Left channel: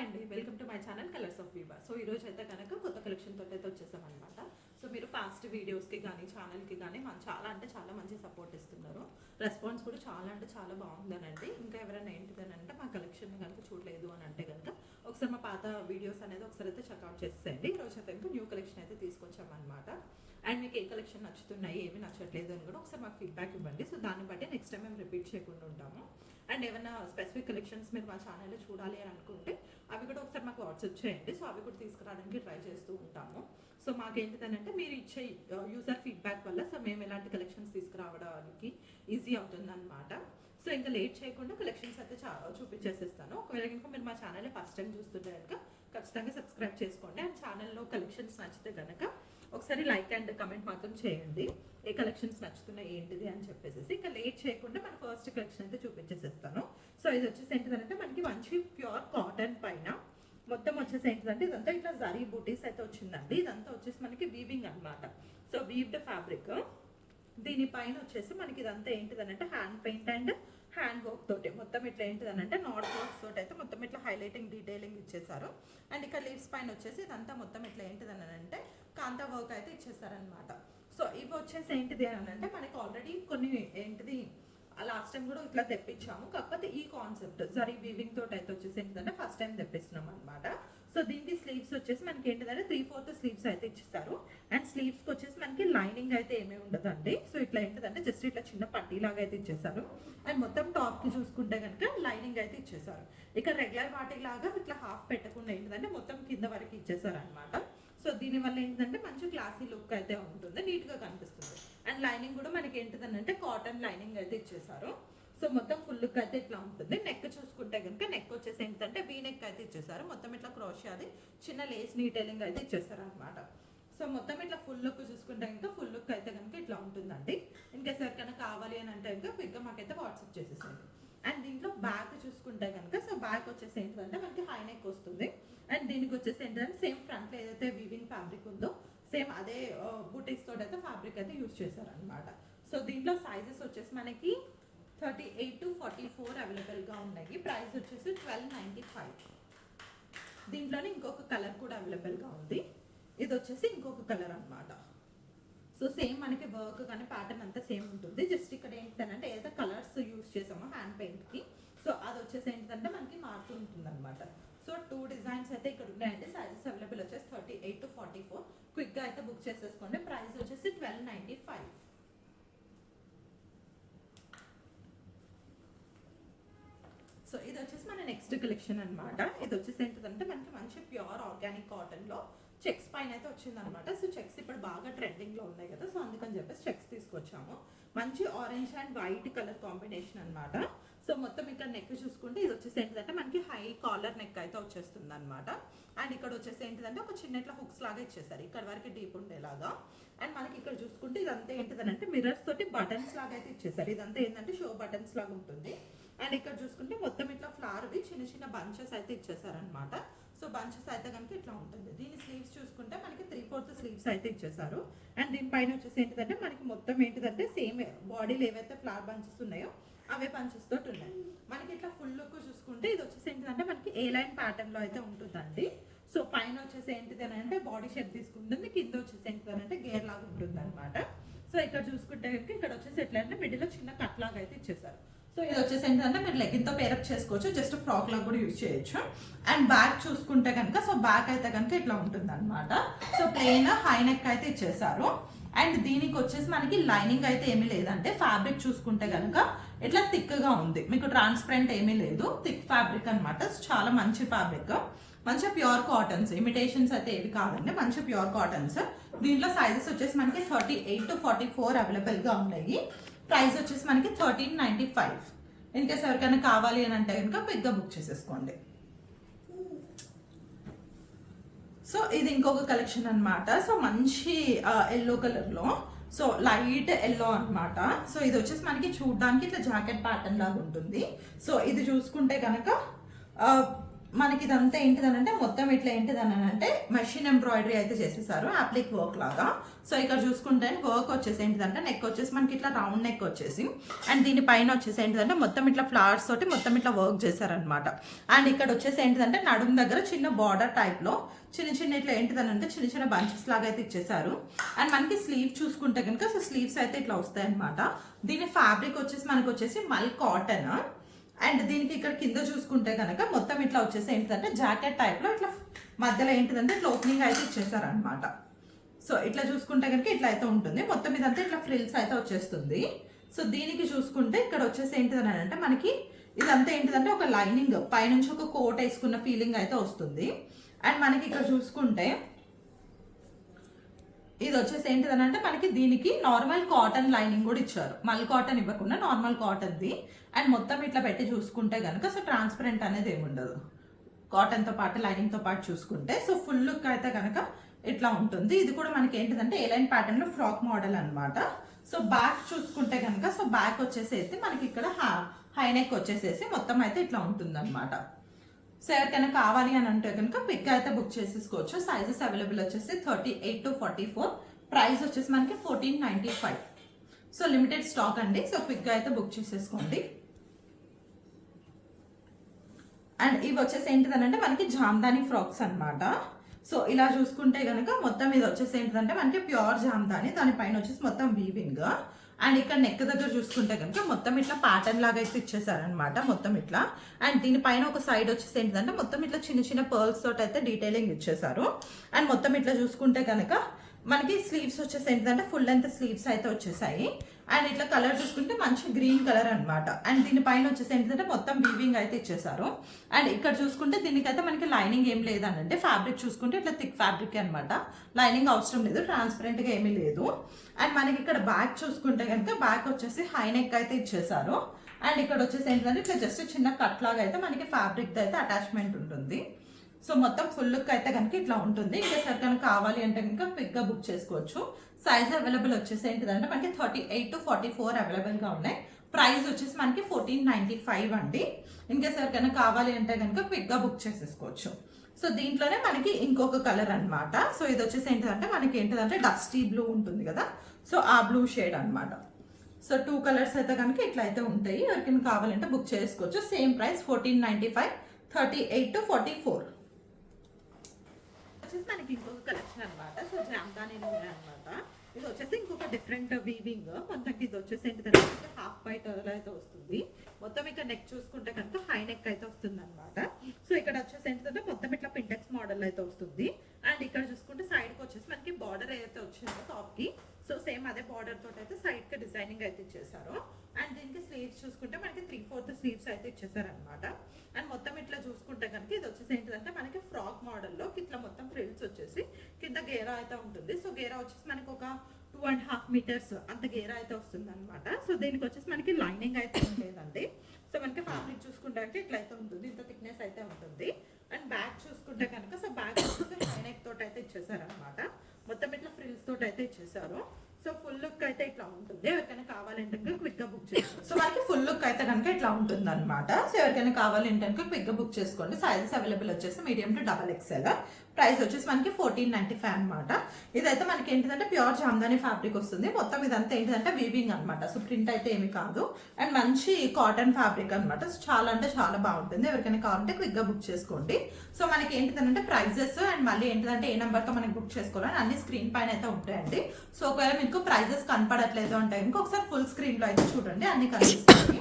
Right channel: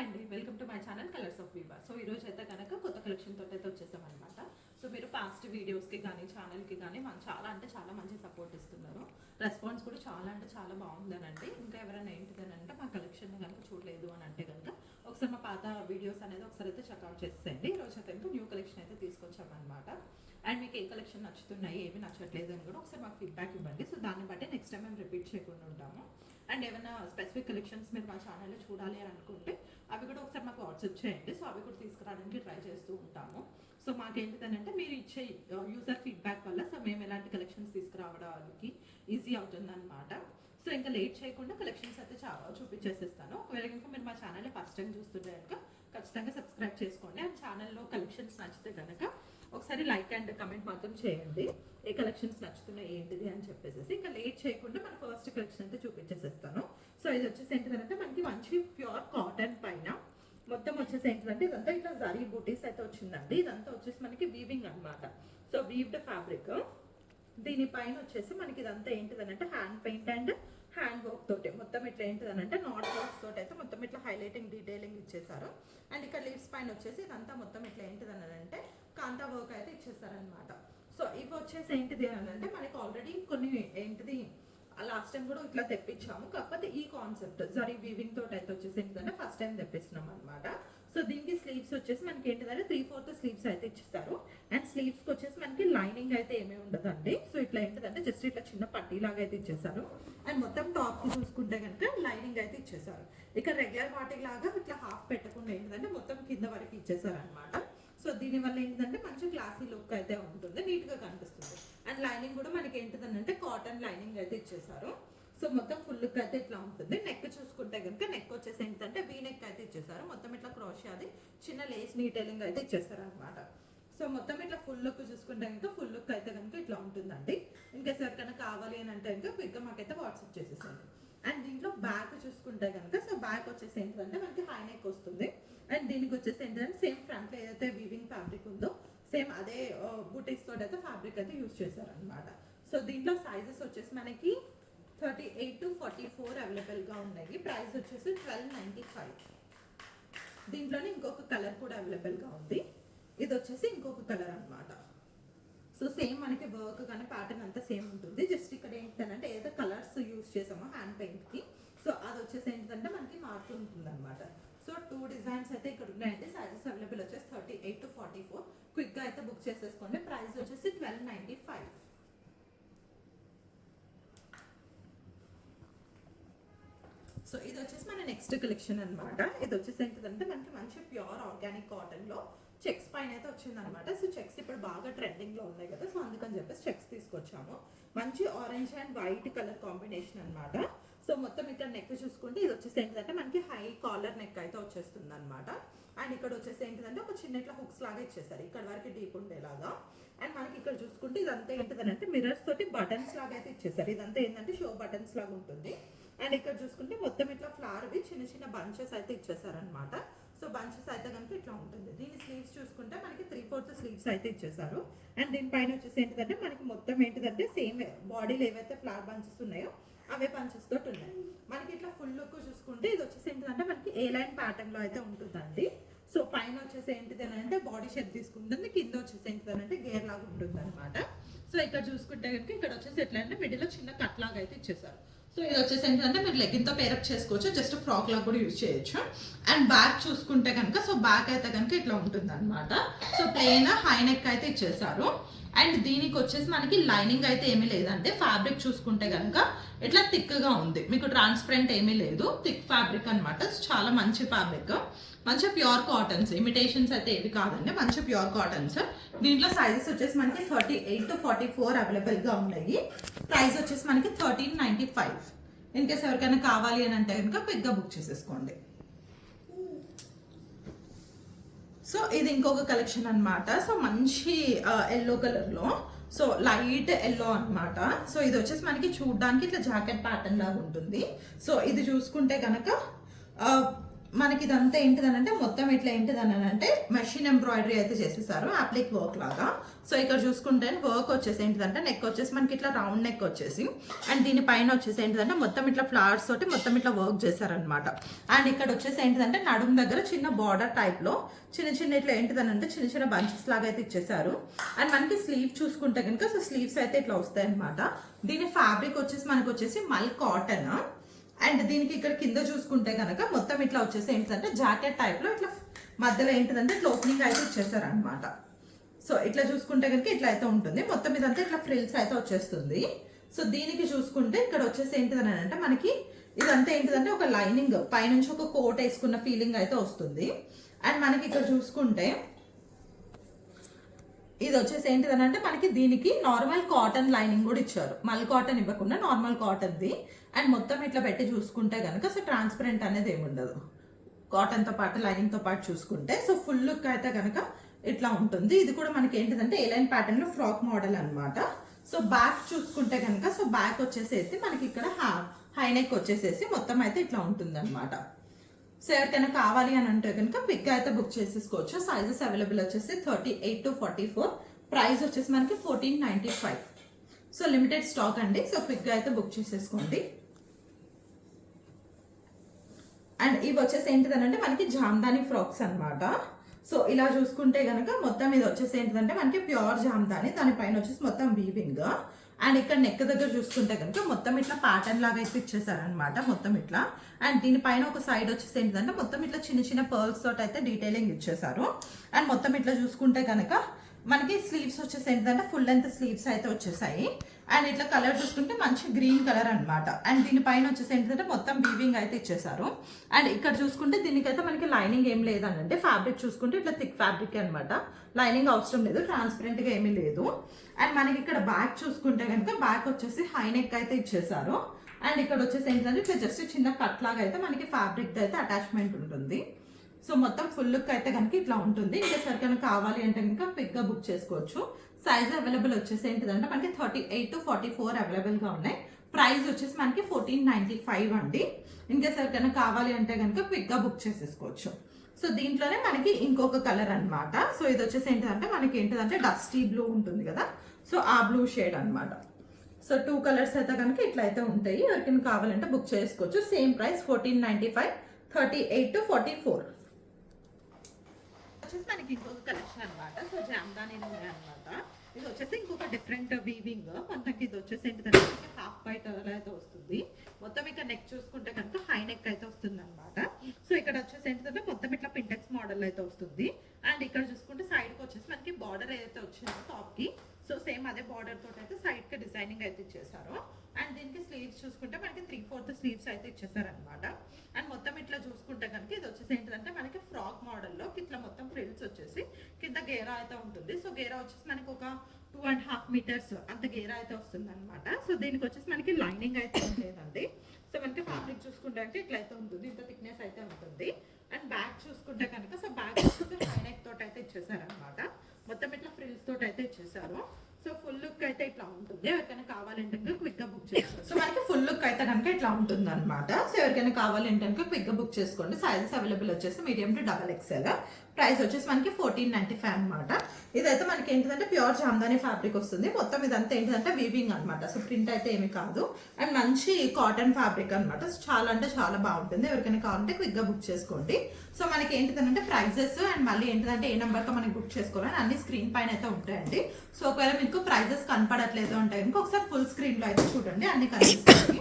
Hi అండి, welcome to my channel colours of Viva. So ఈరోజు అయితే కనుక కొత్త కలెక్షన్ తోటి అయితే వచ్చేసాం అనమాట. సో మీరు పాస్ట్ వీడియోస్కి కానీ ఛానల్కి కానీ మనం చాలా మంచి సపోర్ట్ ఇస్తున్నారు. రెస్పాన్స్ కూడా చాలా బాగుందనండి. ఇంకా ఎవరైనా ఏంటిదనంటే మా కలెక్షన్ కనుక చూడలేదు అని అంటే కనుక ఒకసారి మా పాత వీడియోస్ అనేది ఒకసారి అయితే చెక్అవుట్ చేసేయండి. ఈరోజు అయితే కనుక న్యూ కలెక్షన్ అయితే తీసుకొచ్చామన్నమాట. అండ్ మీకు ఏ కలెక్షన్ నచ్చుతున్నాయి, ఏమి నచ్చట్లేదు అని కూడా ఒకసారి మాకు ఫీడ్బ్యాక్ ఇవ్వండి. సో దాన్ని బట్టి నెక్స్ట్ టైం మేము రిపీట్ చేయకుండా ఉంటాము. అండ్ ఏమైనా స్పెసిఫిక్ కలెక్షన్స్ మీరు మా ఛానల్లో చూడాలి అని అనుకుంటే అవి కూడా ఒకసారి మాకు వాట్సాప్ చేయండి. సో అవి కూడా తీసుకురావడానికి ట్రై చేస్తూ ఉంటాము. సో మాకేంటిదనంటే మీరు ఇచ్చే యూజర్ ఫీడ్బ్యాక్ వల్ల సో మేము ఎలాంటి కలెక్షన్స్ తీసుకురావడానికి ఈజీ అవుతుంది అనమాట. సో ఇంకా లేట్ చేయకుండా కలెక్షన్స్ అయితే చూపించేసిస్తాను. ఒకవేళ కనుక మీరు మా ఛానల్ ఫస్ట్ టైం చూస్తుంటే కనుక ఖచ్చితంగా సబ్స్క్రైబ్ చేసుకోండి. అండ్ ఛానల్లో కలెక్షన్స్ నచ్చితే కనుక ఒకసారి లైక్ అండ్ కమెంట్ మాత్రం చేయండి, ఏ కలెక్షన్స్ నచ్చుతున్నాయి ఏంటిది అని చెప్పేసి. ఇంకా లేట్ చేయకుండా మన ఫస్ట్ కలెక్షన్ అయితే చూపించేసేస్తాను. సో ఇది వచ్చేసి ఏంటిదంటే మనకి మంచి ప్యూర్ కాటన్ పైన మొత్తం వచ్చేసి ఏంటిదంటే ఇదంతా ఇట్లా జరీ బూటీస్ అయితే వచ్చిందండి. ఇదంతా వచ్చేసి మనకి వీవింగ్ అనమాట. So weaved fabric. దీనిపైన వచ్చేసి మనకి ఇదంతా ఏంటిదనంటే hand paint and hand work తోటి మొత్తం ఇట్లా ఏంటిదనంటే నాట్ వర్క్స్ తోటి అయితే మొత్తం ఇట్లా హైలైటింగ్ డీటెయిలింగ్ ఇచ్చేసారు. అండ్ ఇక్కడ లీవ్స్ పైన వచ్చేసి ఇదంతా మొత్తం ఇట్లా ఏంటిదనంటే కాంతా వర్క్ అయితే ఇచ్చేసారనమాట. సో ఇవి వచ్చేసి ఏంటిది అని అంటే మనకి ఆల్రెడీ కొన్ని ఏంటిది లాస్ట్ టైం కూడా ఇట్లా తెప్పించాము. కాకపోతే ఈ కాన్సెప్ట్ జరీ వీవింగ్ తోటి అయితే వచ్చేసి ఏంటంటే ఫస్ట్ టైం తెప్పిస్తున్నాం అనమాట. సో దీనికి స్లీవ్స్ వచ్చేసి మనకి ఏంటిదంటే 3/4 స్లీవ్స్ అయితే ఇచ్చేస్తారు. అండ్ స్లీవ్స్ కి వచ్చేసి మనకి లైనింగ్ అయితే ఏమీ ఉండదండి. సో ఇట్లా ఏంటిదంటే జస్ట్ ఇట్లా చిన్న పట్టీ లాగా అయితే ఇచ్చేసారు. అండ్ మొత్తం టాప్ కి చూసుకుంటే కనుక లైనింగ్ అయితే ఇచ్చేసారు. ఇక్కడ రెగ్యులర్ వాటి లాగా ఇట్లా హాఫ్ పెట్టకుండా ఏంటిదంటే మొత్తం కింద వరకు ఇచ్చేసారు అనమాట. సో దీనివల్ల ఏంటంటే మంచి క్లాసీ లుక్ అయితే ఉంటుంది, నీట్ గా కనిపిస్తుంది. అండ్ లైనింగ్ కూడా మనకి ఏంటిదనంటే కాటన్ లైనింగ్ అయితే ఇచ్చేసారు. సో మొత్తం ఫుల్ లుక్ అయితే ఇట్లా ఉంటుంది. నెక్ చూసుకుంటే కనుక నెక్ వచ్చేసి ఏంటంటే వీ నెక్ అయితే ఇచ్చేసారు. మొత్తం ఇట్లా క్రోషియా అది చిన్న లేస్ డీటెయిలింగ్ అయితే ఇచ్చేసారు అనమాట. సో మొత్తం ఇట్లా ఫుల్ లుక్ చూసుకుంటే కనుక ఫుల్ లుక్ అయితే కనుక ఇట్లా ఉంటుందండి. ఇన్కేస్ ఎవరికైనా కావాలి అని అంటే కనుక క్విక్గా మాకైతే వాట్సాప్ చేసేసండి. అండ్ దీంట్లో బ్యాక్ చూసుకుంటే కనుక సో బ్యాక్ వచ్చేసి ఏంటంటే మనకి హై నెక్ వస్తుంది. అండ్ దీనికి వచ్చేసి ఏంటంటే సేమ్ ఫ్రంట్ లో ఏదైతే వీవింగ్ ఫ్యాబ్రిక్ ఉందో సేమ్ అదే బూటీస్ తోటి అయితే ఫ్యాబ్రిక్ అయితే యూజ్ చేశారు అనమాట. సో దీంట్లో సైజెస్ వచ్చేసి మనకి 38 to 44 అవైలబుల్ గా ఉన్నాయి. ప్రైస్ వచ్చేసి 1295. దీంట్లోనే ఇంకొక కలర్ కూడా అవైలబుల్ గా ఉంది. ఇది వచ్చేసి ఇంకొక కలర్ అనమాట. సో సేమ్ మనకి వర్క్ కానీ ప్యాటర్న్ అంతా సేమ్ ఉంటుంది. జస్ట్ ఇక్కడ ఏంటంటే ఏదైతే కలర్స్ యూజ్ చేసామో హ్యాండ్ పెయింట్ కి సో అది వచ్చేసి ఏంటంటే మనకి మారుతూ ఉంటుంది అనమాట. సో 2 డిజైన్స్ అయితే ఇక్కడ ఉన్నాయండి. సైజెస్ అవైలబుల్ వచ్చేసి 38 to 44. క్విక్ గా అయితే బుక్ చేసేసుకోండి. ప్రైస్ వచ్చేసి 1295. సో ఇది వచ్చేసి మన నెక్స్ట్ కలెక్షన్ అనమాట. ఇది వచ్చేసి ఏంటంటే మనకి మంచి ప్యూర్ ఆర్గానిక్ కాటన్ లో చెక్స్ పైన అయితే వచ్చింది అనమాట. సో చెక్స్ ఇప్పుడు బాగా ట్రెండింగ్ లో ఉన్నాయి కదా, సో అందుకని చెప్పేసి చెక్స్ తీసుకొచ్చాము. మంచి orange and white colour combination అనమాట. సో మొత్తం ఇక్కడ నెక్ చూసుకుంటే ఇది వచ్చేసి ఏంటంటే మనకి హై కాలర్ నెక్ అయితే వచ్చేస్తుంది అనమాట. అండ్ ఇక్కడ వచ్చేసి ఏంటంటే ఒక చిన్న ఇట్లా హుక్స్ లాగా ఇచ్చేసారు, ఇక్కడ వరకు డీప్ ఉండేలాగా. అండ్ మనకి ఇక్కడ చూసుకుంటే ఇదంతా ఏంటిదంటే మిర్రర్స్ తోటి బటన్స్ లాగా అయితే ఇచ్చేసారు. ఇదంతా ఏంటంటే షో బటన్స్ లాగా ఉంటుంది. అండ్ ఇక్కడ చూసుకుంటే మొత్తం ఇట్లా ఫ్లవర్ చిన్న బంచెస్ అయితే ఇచ్చేసారనమాట. సో బంచెస్ అయితే కనుక ఇట్లా ఉంటుంది. దీని స్లీవ్స్ చూసుకుంటే మనకి 3/4 స్లీవ్స్ అయితే ఇచ్చేసారు. అండ్ దీనిపైన వచ్చేసి ఏంటిదంటే మనకి మొత్తం ఏంటిదంటే సేమ్ బాడీలో ఏవైతే ఫ్లవర్ బంచెస్ ఉన్నాయో అవే పంచెస్ తోటి ఉన్నాయి. మనకి ఇట్లా ఫుల్ లుక్ చూసుకుంటే ఇది వచ్చేసి ఏంటంటే మనకి ఏ లైన్ ప్యాటర్న్ లో అయితే ఉంటుందండి. సో పైన వచ్చేసి ఏంటిదని అంటే బాడీ షేప్ తీసుకుంటుంది, కింద వచ్చేసి ఏంటిదనంటే గేర్ లాగా ఉంటుంది అనమాట. సో ఇక్కడ చూసుకుంటే కనుక ఇక్కడ వచ్చేసి ఎట్లా అంటే మిడిల్ లో చిన్న కట్ లాగా అయితే ఇచ్చేసారు. సో ఇది వచ్చేసి ఏంటంటే మీరు లెగ్గిన్ తో పేరప్ చేసుకోవచ్చు, జస్ట్ ఫ్రాక్ లాగా కూడా యూజ్ చేయొచ్చు. అండ్ బ్యాక్ చూసుకుంటే కనుక సో బ్యాక్ అయితే కనుక ఇట్లా ఉంటుంది అనమాట. సో ప్లెయిన్ హై నెక్ అయితే ఇచ్చేసారు. అండ్ దీనికి వచ్చేసి మనకి లైనింగ్ అయితే ఏమీ లేదంటే ఫ్యాబ్రిక్ చూసుకుంటే కనుక ఇట్లా థిక్ గా ఉంది, మీకు ట్రాన్స్పరెంట్ ఏమీ లేదు, థిక్ ఫ్యాబ్రిక్ అనమాట. చాలా మంచి ఫ్యాబ్రిక్, మంచి ప్యూర్ కాటన్స్, ఇమిటేషన్స్ అయితే ఏవి కాదండి, మంచి ప్యూర్ కాటన్స్. దీంట్లో సైజెస్ వచ్చేసి మనకి 38 to 44 అవైలబుల్ గా ఉన్నాయి. ప్రైస్ వచ్చేసి మనకి 1395. ఇన్కేస్ ఎవరికైనా కావాలి అని అంటే కనుక క్విక్గా బుక్ చేసేసుకోండి. సో ఇది ఇంకొక కలెక్షన్ అనమాట. సో మంచి ఎల్లో కలర్ లో, సో లైట్ ఎల్లో అనమాట. సో ఇది వచ్చేసి మనకి చూడడానికి ఇట్లా జాకెట్ ప్యాటర్న్ లాగా ఉంటుంది. సో ఇది చూసుకుంటే కనుక మనకి ఇదంతా ఏంటిదనంటే మొత్తం ఇట్లా ఏంటిదనంటే మెషిన్ ఎంబ్రాయిడరీ అయితే చేసేసారు అప్లిక్ వర్క్ లాగా. సో ఇక్కడ చూసుకుంటే వర్క్ వచ్చేసి ఏంటిదంటే నెక్ వచ్చేసి మనకి ఇట్లా రౌండ్ నెక్ వచ్చేసి అండ్ దీనిపైన వచ్చేసి ఏంటిదంటే మొత్తం ఇట్లా ఫ్లవర్స్ తోటి మొత్తం ఇట్లా వర్క్ చేశారనమాట. అండ్ ఇక్కడ వచ్చేసి ఏంటిదంటే నడుము దగ్గర చిన్న బార్డర్ టైప్ లో చిన్న చిన్న ఇట్లా ఏంటిదనంటే చిన్న చిన్న బంచెస్ లాగా అయితే ఇచ్చేసారు. అండ్ మనకి స్లీవ్ చూసుకుంటే కనుక సో స్లీవ్స్ అయితే ఇట్లా వస్తాయి అనమాట. దీని ఫ్యాబ్రిక్ వచ్చేసి మనకి వచ్చేసి మల్ కాటన్. అండ్ దీనికి ఇక్కడ కింద చూసుకుంటే కనుక మొత్తం ఇట్లా వచ్చేసి ఏంటంటే జాకెట్ టైప్ లో ఇట్లా మధ్యలో ఏంటిదంటే ఇట్లా ఓపెనింగ్ అయితే ఇచ్చేసారు అనమాట. సో ఇట్లా చూసుకుంటే కనుక ఇట్లా అయితే ఉంటుంది. మొత్తం ఇదంతా ఇట్లా ఫ్రిల్స్ అయితే వచ్చేస్తుంది. సో దీనికి చూసుకుంటే ఇక్కడ వచ్చేసి ఏంటిదని అంటే మనకి ఇదంతా ఏంటిదంటే ఒక లైనింగ్ పైనుంచి ఒక కోట్ వేసుకున్న ఫీలింగ్ అయితే వస్తుంది. అండ్ మనకి ఇక్కడ చూసుకుంటే ఇది వచ్చేసి ఏంటిదని అంటే మనకి దీనికి నార్మల్ కాటన్ లైనింగ్ కూడా ఇచ్చారు, మళ్ళీ కాటన్ ఇవ్వకుండా నార్మల్ కాటన్ది. అండ్ మొత్తం ఇట్లా పెట్టి చూసుకుంటే కనుక సో ట్రాన్స్పరెంట్ అనేది ఏమి ఉండదు కాటన్తో పాటు లైనింగ్తో పాటు చూసుకుంటే. సో ఫుల్ లుక్ అయితే కనుక ఇట్లా ఉంటుంది. ఇది కూడా మనకి ఏంటిదంటే ఏలైన్ ప్యాటర్న్ లో ఫ్రాక్ మోడల్ అనమాట. సో బ్యాక్ చూసుకుంటే కనుక సో బ్యాక్ వచ్చేసేసి మనకి ఇక్కడ హై నెక్ వచ్చేసేసి మొత్తం అయితే ఇట్లా ఉంటుంది అనమాట. సో ఎవరికైనా కావాలి అని అంటే కనుక పిక్ అయితే బుక్ చేసేసుకోవచ్చు. సైజెస్ అవైలబుల్ వచ్చేసి 38 to 44. ప్రైస్ వచ్చేసి మనకి 1495. సో లిమిటెడ్ స్టాక్ అండి. సో పిక్ అయితే బుక్ చేసేసుకోండి. అండ్ ఇవి వచ్చేసి ఏంటిదనంటే మనకి జామ్దాని ఫ్రాక్స్ అనమాట. సో ఇలా చూసుకుంటే కనుక మొత్తం ఇది వచ్చేసి ఏంటిదంటే మనకి ప్యూర్ జామ్దాని, దానిపైన వచ్చేసి మొత్తం వీవింగ్. అండ్ ఇక్కడ నెక్ దగ్గర చూసుకుంటే కనుక మొత్తం ఇట్లా ప్యాటర్న్ లాగా అయితే ఇచ్చేసారనమాట మొత్తం ఇట్లా. అండ్ దీనిపైన ఒక సైడ్ వచ్చేసి ఏంటిదంటే మొత్తం ఇట్లా చిన్న చిన్న పర్ల్స్ తోటి అయితే డీటెయిలింగ్ ఇచ్చేసారు. అండ్ మొత్తం ఇట్లా చూసుకుంటే కనుక మనకి స్లీవ్స్ వచ్చేసి ఏంటంటే ఫుల్ లెంత్ స్లీవ్స్ అయితే వచ్చేసాయి. అండ్ ఇట్లా కలర్ చూసుకుంటే మంచి గ్రీన్ కలర్ అనమాట. అండ్ దీనిపైన వచ్చేసి ఏంటంటే మొత్తం వీవింగ్ అయితే ఇచ్చేసారు. అండ్ ఇక్కడ చూసుకుంటే దీనికైతే మనకి లైనింగ్ ఏం లేదనంటే ఫ్యాబ్రిక్ చూసుకుంటే ఇట్లా థిక్ ఫ్యాబ్రిక్ అనమాట, లైనింగ్ అవసరం లేదు, ట్రాన్స్పరెంట్ గా ఏమీ లేదు. అండ్ మనకి ఇక్కడ బ్యాక్ చూసుకుంటే కనుక బ్యాక్ వచ్చేసి హై నెక్ అయితే ఇచ్చేసారు. అండ్ ఇక్కడ వచ్చేసి ఏంటంటే ఇట్లా జస్ట్ చిన్న కట్ లాగా అయితే మనకి ఫ్యాబ్రిక్ అయితే అటాచ్మెంట్ ఉంటుంది. సో మొత్తం ఫుల్ లుక్ అయితే కనుక ఇట్లా ఉంటుంది. ఇంకా సరే కనుక కావాలి అంటే కనుక పిక్ గా బుక్ చేసుకోవచ్చు. సైజ్ అవైలబుల్ వచ్చేసి ఏంటిదంటే మనకి 38 to 44 అవైలబుల్ గా ఉన్నాయి. ప్రైస్ వచ్చేసి మనకి 1495 అండి. ఇంకా ఎవరికైనా కావాలి అంటే కనుక క్విక్ గా బుక్ చేసేసుకోవచ్చు. సో దీంట్లోనే మనకి ఇంకొక కలర్ అనమాట. సో ఇది వచ్చేసి ఏంటిదంటే మనకి ఏంటిదంటే డస్టీ బ్లూ ఉంటుంది కదా, సో ఆ బ్లూ షేడ్ అనమాట. సో 2 కలర్స్ అయితే కనుక ఇట్లా అయితే ఉంటాయి. ఎవరికైనా కావాలంటే బుక్ చేసుకోవచ్చు. Same price 1495, 38 to 44. వచ్చేసి మనకి ఇంకొక కలెక్షన్ అనమాట. సో జామ్దాని అనమాట. ఇది వచ్చేసి ఇంకొక డిఫరెంట్ వీవింగ్. మనకి ఇది వచ్చేసి ఏంటంటే హాఫ్ వైట్ అయితే వస్తుంది. మొత్తం ఇక్కడ నెక్ చూసుకుంటే కనుక హై నెక్ అయితే వస్తుంది అనమాట. సో ఇక్కడ వచ్చేసి ఏంటంటే మొత్తం ఇట్లా పింటెక్స్ మోడల్ అయితే వస్తుంది. అండ్ ఇక్కడ చూసుకుంటే సైడ్ కి వచ్చేసి మనకి బార్డర్ అయితే వచ్చిందో టాప్ కి, సో సేమ్ అదే బార్డర్ తోటి అయితే సైడ్ కి డిజైనింగ్ అయితే ఇచ్చేసారు. అండ్ దీనికి స్లీవ్స్ చూసుకుంటే మనకి 3/4 స్లీవ్స్ అయితే ఇచ్చేసారు అనమాట. అండ్ మొత్తం ఇట్లా చూసుకుంటే కనుక ఇది వచ్చేసి ఏంటంటే మనకి ఫ్రాక్ మోడల్లో ఇట్లా మొత్తం ఫ్రిల్స్ వచ్చేసి కింద గేరా అయితే ఉంటుంది. సో గేరా వచ్చేసి మనకి ఒక 2.5 meters అంత గేరా అయితే వస్తుంది అనమాట. సో దీనికి వచ్చేసి మనకి లైనింగ్ అయితే ఉంటుందండి. సో మనకి ఫ్యాబ్రిక్ చూసుకుంటే అంటే ఇట్లా అయితే ఉంటుంది, ఇంత థిక్నెస్ అయితే ఉంటుంది. అండ్ బ్యాక్ చూసుకుంటే కనుక సో బ్యాక్ వచ్చేసి హై నెక్ తోటి అయితే ఇచ్చేసారు అనమాట. మొత్తం ఇట్లా ఫ్రిల్స్ తోటి అయితే ఇచ్చేసారు. సో ఫుల్ లుక్ అయితే ఇట్లా ఉంటుంది. ఎవరికైనా కావాలంటే క్విక్ గా బుక్ చేసుకోండి. సో మనకి ఫుల్ లుక్ అయితే కనుక ఇట్లా ఉంటుంది అనమాట. సో ఎవరికైనా కావాలంటే క్విక్ గా బుక్ చేసుకోండి. సైజెస్ అవైలబుల్ వచ్చేసి మీడియం టు XXL. ప్రైస్ వచ్చేసి మనకి 1495 అనమాట. ఇదైతే మనకి ఏంటంటే ప్యూర్ జామ్దాని ఫ్యాబ్రిక్ వస్తుంది. మొత్తం ఇదంతా ఏంటంటే వీవింగ్ అనమాట. సో ప్రింట్ అయితే ఏమి కాదు. అండ్ మంచి కాటన్ ఫ్యాబ్రిక్ అనమాట. చాలా అంటే చాలా బాగుంటుంది. ఎవరికైనా కావాలంటే క్విక్ గా బుక్ చేసుకోండి. సో మనకి ఏంటంటే ప్రైజెస్ అండ్ మళ్ళీ ఏంటంటే ఏ నెంబర్ తో మనకి బుక్ చేసుకోవాలని అన్ని స్క్రీన్ పైన అయితే ఉంటాయండి. సో ఒకవేళ మీకు ప్రైజెస్ కనపడట్లేదు అంటే ఇంకొకసారి ఫుల్ స్క్రీన్ లో అయితే చూడండి, అన్ని కనిపిస్తాయి.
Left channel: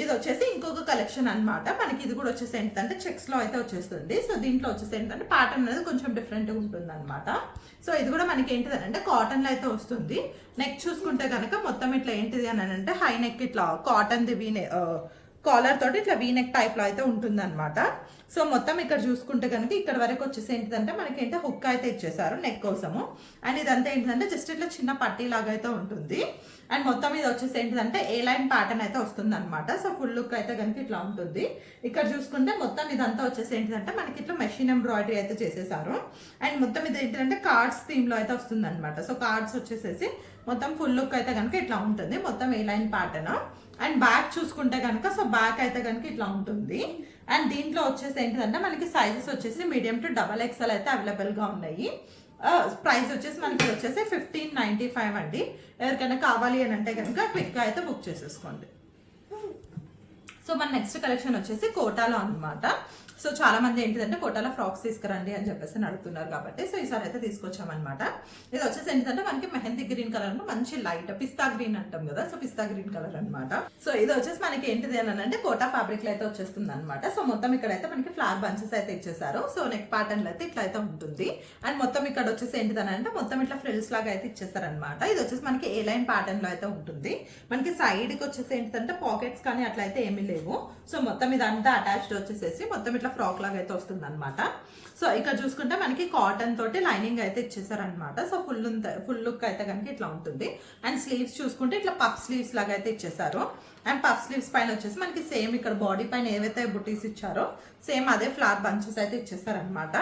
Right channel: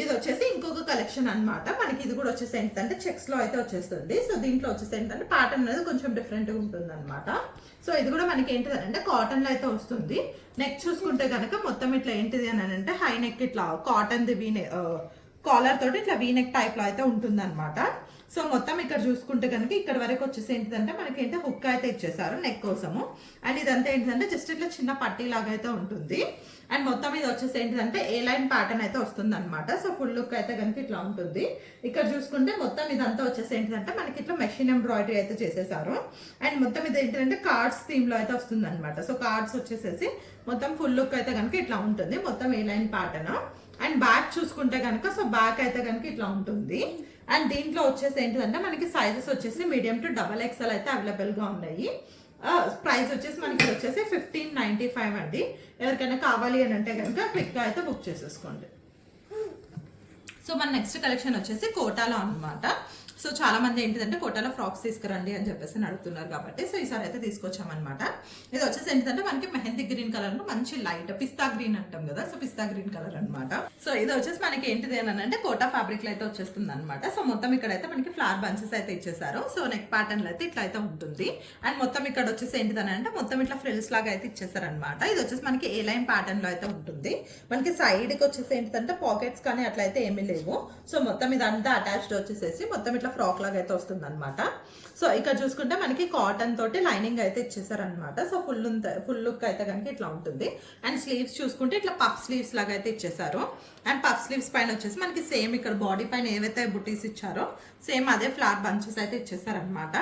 ఇది వచ్చేసి ఇంకొక కలెక్షన్ అనమాట. మనకి ఇది కూడా వచ్చేసి ఏంటంటే చెక్స్ లో అయితే వచ్చేస్తుంది. సో దీంట్లో వచ్చేసి ఏంటంటే ప్యాటర్న్ అనేది కొంచెం డిఫరెంట్ గా ఉంటుంది అనమాట. సో ఇది కూడా మనకి ఏంటిదంటే కాటన్ లో అయితే వస్తుంది. నెక్ చూసుకుంటే కనుక మొత్తం ఇట్లా ఏంటిది అని అంటే హై నెక్ ఇట్లా కాటన్ ది కాలర్ తోటి ఇట్లా వీనెక్ టైప్ లో అయితే ఉంటుంది అనమాట. సో మొత్తం ఇక్కడ చూసుకుంటే కనుక ఇక్కడ వరకు వచ్చేసి ఏంటిదంటే మనకి ఏంటో హుక్ అయితే ఇచ్చేసారు నెక్ కోసము. అండ్ ఇదంతా ఏంటిదంటే జస్ట్ ఇట్లా చిన్న పట్టీ లాగా అయితే ఉంటుంది. అండ్ మొత్తం ఇది వచ్చేసి ఏంటిదంటే ఏ లైన్ ప్యాటర్న్ అయితే వస్తుంది అనమాట. సో ఫుల్ లుక్ అయితే కనుక ఇట్లా ఉంటుంది. ఇక్కడ చూసుకుంటే మొత్తం ఇదంతా వచ్చేసి ఏంటిదంటే మనకి ఇట్లా మెషిన్ ఎంబ్రాయిడరీ అయితే చేసేసారు. అండ్ మొత్తం ఇది ఏంటంటే కార్డ్స్ థీమ్ లో అయితే వస్తుంది అనమాట. సో కార్డ్స్ వచ్చేసేసి మొత్తం ఫుల్ లుక్ అయితే కనుక ఇట్లా ఉంటుంది. మొత్తం ఏ లైన్ ప్యాటర్న్. అండ్ బ్యాక్ చూసుకుంటే కనుక సో బ్యాక్ అయితే కనుక ఇట్లా ఉంటుంది. అండ్ దీంట్లో వచ్చేసి ఏంటిదంటే మనకి సైజెస్ వచ్చేసి మీడియం టు XXL అయితే అవైలబుల్గా ఉన్నాయి. ప్రైస్ వచ్చేసి మనకి వచ్చేసి 1595 అండి. ఎవరికైనా కావాలి అని అంటే కనుక క్విక్గా అయితే బుక్ చేసేసుకోండి. సో మన నెక్స్ట్ కలెక్షన్ వచ్చేసి కోటాలో అనమాట. సో చాలా మంది ఏంటిదంటే కోటాలో ఫ్రాక్స్ తీసుకురండి అని చెప్పేసి అడుగుతున్నారు కాబట్టి సో ఈసారి అయితే తీసుకొచ్చామన్నమాట. ఇది వచ్చేసి ఏంటిదంటే మనకి మెహందీ గ్రీన్ కలర్ మంచి లైట్ పిస్తా గ్రీన్ అంటాం కదా, సో పిస్తా గ్రీన్ కలర్ అనమాట. సో ఇది వచ్చేసి మనకి ఏంటిది అని అంటే కోటా ఫ్యాబ్రిక్ లో అయితే వచ్చేస్తుంది అనమాట. సో మొత్తం ఇక్కడైతే మనకి ఫ్లవర్ బంచెస్ అయితే ఇచ్చేసారు. సో నెక్ ప్యాటర్న్ లో అయితే ఇట్లా అయితే ఉంటుంది. అండ్ మొత్తం ఇక్కడ వచ్చేసి ఏంటిదని అంటే మొత్తం ఇట్లా ఫ్రిల్స్ లాగా అయితే ఇచ్చేసారు అనమాట. ఇది వచ్చేసి మనకి ఏ లైన్ ప్యాటర్న్ లో అయితే ఉంటుంది. మనకి సైడ్ కి వచ్చేసి ఏంటిదంటే పాకెట్స్ కానీ అట్లా అయితే ఏమీ లేవు. సో మొత్తం ఇదంతా అటాచ్డ్ వచ్చేసేసి మొత్తం ఇట్లా ఫ్రాక్ లాగా అయితే వస్తుంది అనమాట. సో ఇక్కడ చూసుకుంటే మనకి కాటన్ తోటి లైనింగ్ అయితే ఇచ్చేసారనమాట. సో ఫుల్ లుక్ అయితే కనుక ఇట్లా ఉంటుంది. అండ్ స్లీవ్స్ చూసుకుంటే ఇట్లా పఫ్ స్లీవ్స్ లాగా అయితే ఇచ్చేసారు. అండ్ పఫ్ స్లీవ్స్ పైన వచ్చేసి మనకి సేమ్ ఇక్కడ బాడీ పైన ఏవైతే బుటీస్ ఇచ్చారో సేమ్ అదే ఫ్లవర్ బంచెస్ అయితే ఇచ్చేసారనమాట.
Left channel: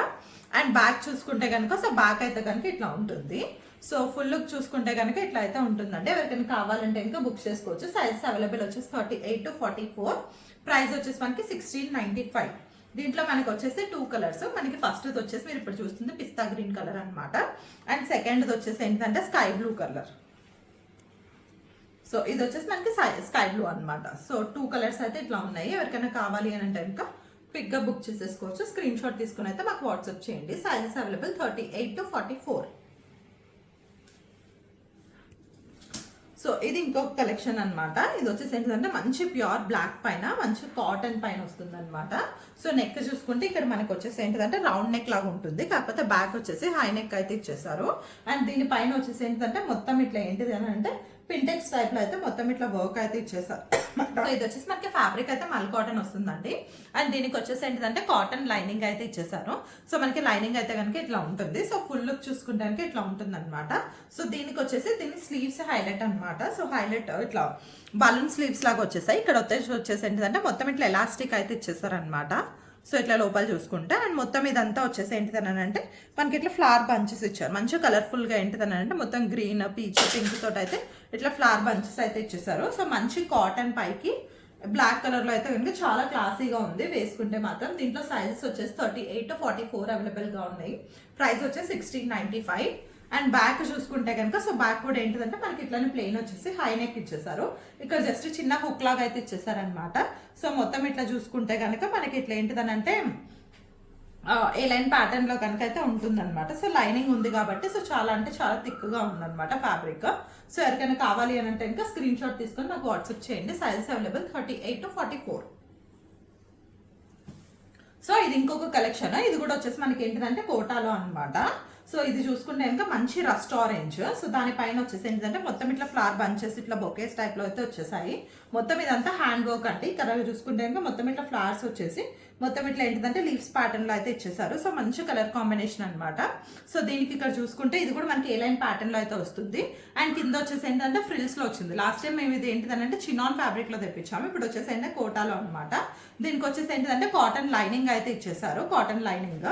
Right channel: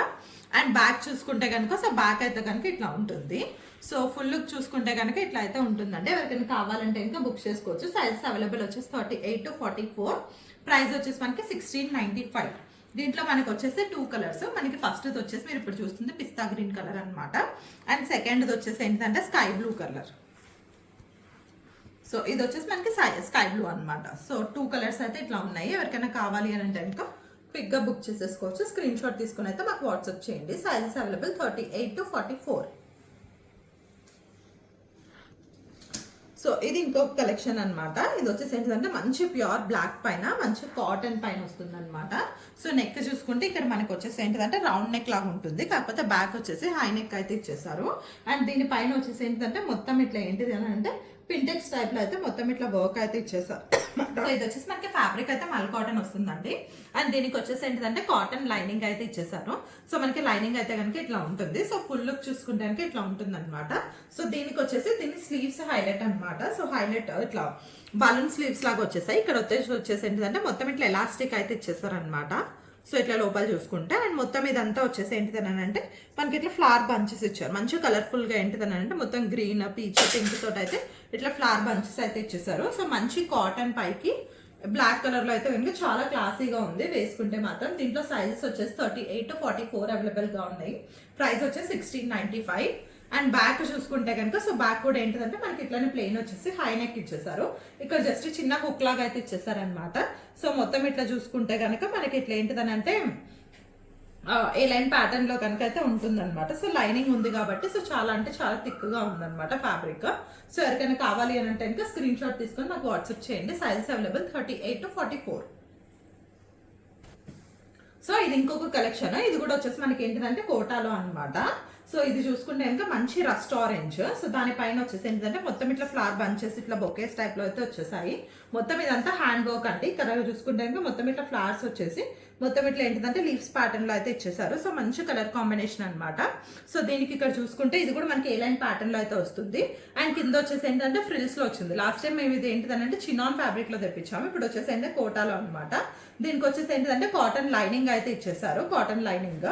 అండ్ బ్యాక్ చూసుకుంటే కనుక సో బ్యాక్ అయితే కనుక ఇట్లా ఉంటుంది. సో ఫుల్ లుక్ చూసుకుంటే కనుక ఇట్లా అయితే ఉంటుందండి. ఎవరికైనా కావాలంటే ఇంకా బుక్ చేసుకోవచ్చు. సైజెస్ అవైలబుల్ వచ్చేసి 38 to 44. ప్రైస్ వచ్చేసి మనకి 1695. దీంట్లో మనకి వచ్చేసి 2 కలర్స్. మనకి ఫస్ట్ వచ్చేసి మీరు ఇప్పుడు చూస్తుంది పిస్తా గ్రీన్ కలర్ అనమాట. అండ్ సెకండ్ వచ్చేసి ఏంటంటే స్కై బ్లూ కలర్. సో ఇది వచ్చేసి మనకి స్కై బ్లూ అనమాట. సో 2 కలర్స్ అయితే ఇట్లా ఉన్నాయి. ఎవరికైనా కావాలి అని అంటే ఇంకా క్విక్గా బుక్ చేసేసుకోవచ్చు. స్క్రీన్ షాట్ తీసుకుని అయితే మాకు వాట్సాప్ చేయండి. Sizes available 38 to 44. సో ఇది ఇంకొక కలెక్షన్ అనమాట. ఇది వచ్చేసి ఏంటంటే మంచి ప్యూర్ బ్లాక్ పైన మంచి కాటన్ పైన వస్తుంది అనమాట. సో నెక్ చూసుకుంటే ఇక్కడ మనకి వచ్చేసి ఏంటంటే రౌండ్ నెక్ లాగా ఉంటుంది. కాకపోతే బ్యాక్ వచ్చేసి హై నెక్ అయితే ఇచ్చేసారు. అండ్ దీని పైన వచ్చేసి ఏంటంటే మొత్తం ఇట్లా ఏంటిది అని అంటే పింటెక్స్ టైప్ లో అయితే మొత్తం ఇట్లా వర్క్ అయితే ఇచ్చేసారు. సో ఇది వచ్చేసి మనకి ఫ్యాబ్రిక్ అయితే మల్ కాటన్ వస్తుందండి. అండ్ దీనికి వచ్చేసి ఏంటంటే కాటన్ లైనింగ్ అయితే ఇచ్చేసారు. సో మనకి లైనింగ్ అయితే కనుక ఇట్లా ఉంటుంది. సో ఫుల్ లుక్ చూసుకుంటే ఇట్లా ఉంటుంది అనమాట. సో దీనికి వచ్చేసి దీని స్లీవ్స్ హైలైట్ అనమాట. సో హైలైట్ ఇట్లా బలూన్ స్లీవ్స్ లాగా వచ్చేసాయి. ఇక్కడ వచ్చేసి ఏంటంటే మొత్తం ఇట్లా ఎలాస్టిక్ అయితే ఇచ్చేసారు అనమాట. సో ఇట్లా లోపల చూసుకుంటే అండ్ మొత్తం ఇదంతా వచ్చేసి ఏంటిదని అంటే మనకి ఇట్లా ఫ్లవర్ బంచెస్ ఇచ్చారు. మంచిగా కలర్ఫుల్ గా ఏంటిదని అంటే మొత్తం గ్రీన్ పీచ్ పింక్ తోటి అయితే ఇట్లా ఫ్లవర్ బంచెస్ అయితే ఇచ్చేసారు. సో మంచి కాటన్ పైకి బ్లాక్ కలర్ లో అయితే కనుక చాలా క్లాసీగా ఉంది వేసుకుంటే మాత్రం. దీంట్లో సైజెస్ వచ్చేసి 38 to 44 అవైలబుల్ గా ఉన్నాయి. ప్రైస్ వచ్చేసి 1695. అండ్ బ్యాక్ చూసుకుంటే కనుక సో బ్యాక్ కూడా ఏంటిదంటే మనకి ఇట్లానే ప్లెయిన్ వచ్చేసి హై నెక్ ఇచ్చేసారు. ఇక్కడ జస్ట్ చిన్న హుక్ లాగా అయితే ఇచ్చేసారు అనమాట. సో మొత్తం ఇట్లా చూసుకుంటే కనుక మనకి ఇట్లా ఏంటిదని అంటే ఏ లైన్ ప్యాటర్న్ లో కనుక అయితే ఉంటుందన్నమాట. సో లైనింగ్ ఉంది కాబట్టి సో చాలా అంటే చాలా థిక్గా ఉందన్నమాట ఫ్యాబ్రిక్. సో ఎవరికైనా కావాలి అని అంటే ఇంకా స్క్రీన్ షాట్ తీసుకొని నాకు వాట్సాప్ చేయండి. Sizes available 38 to 44. సో ఇది ఇంకొక కలెక్షన్. ఇది కూడా వచ్చేసి మనకి ఏంటిదంటే కోటాలో అనమాట. సో ఇది చూసుకుంటే కనుక మంచి రస్ట్ ఆరెంజ్. సో దానిపైన వచ్చేసి ఏంటంటే మొత్తం ఇట్లా ఫ్లవర్ బంచెస్ ఇట్లా బొకేస్ టైప్ లో అయితే వచ్చేసాయి. మొత్తం ఇదంతా హ్యాండ్ వర్క్ అండి. ఇక్కడ చూసుకుంటే కనుక మొత్తం ఇట్లా ఫ్లవర్స్ వచ్చేసి మొత్తం ఇట్లా ఏంటంటే లీవ్స్ ప్యాటర్న్ లో అయితే ఇచ్చేసారు. సో మంచి కలర్ కాంబినేషన్ అనమాట. సో దీనికి ఇక్కడ చూసుకుంటే ఇది కూడా మనకి ఏ లైన్ ప్యాటర్న్ లో అయితే వస్తుంది. అండ్ కింద వచ్చేసి ఏంటంటే ఫ్రిల్స్ లో వచ్చింది. లాస్ట్ టైం మేము ఇది ఏంటిదంటే చినాన్ ఫ్యాబ్రిక్ లో తెప్పించాము. ఇప్పుడు వచ్చేసి ఏంటంటే కోటాలో అనమాట. దీనికి వచ్చేసి ఏంటంటే కాటన్ లైనింగ్ అయితే ఇచ్చేసారు. Cotton lining.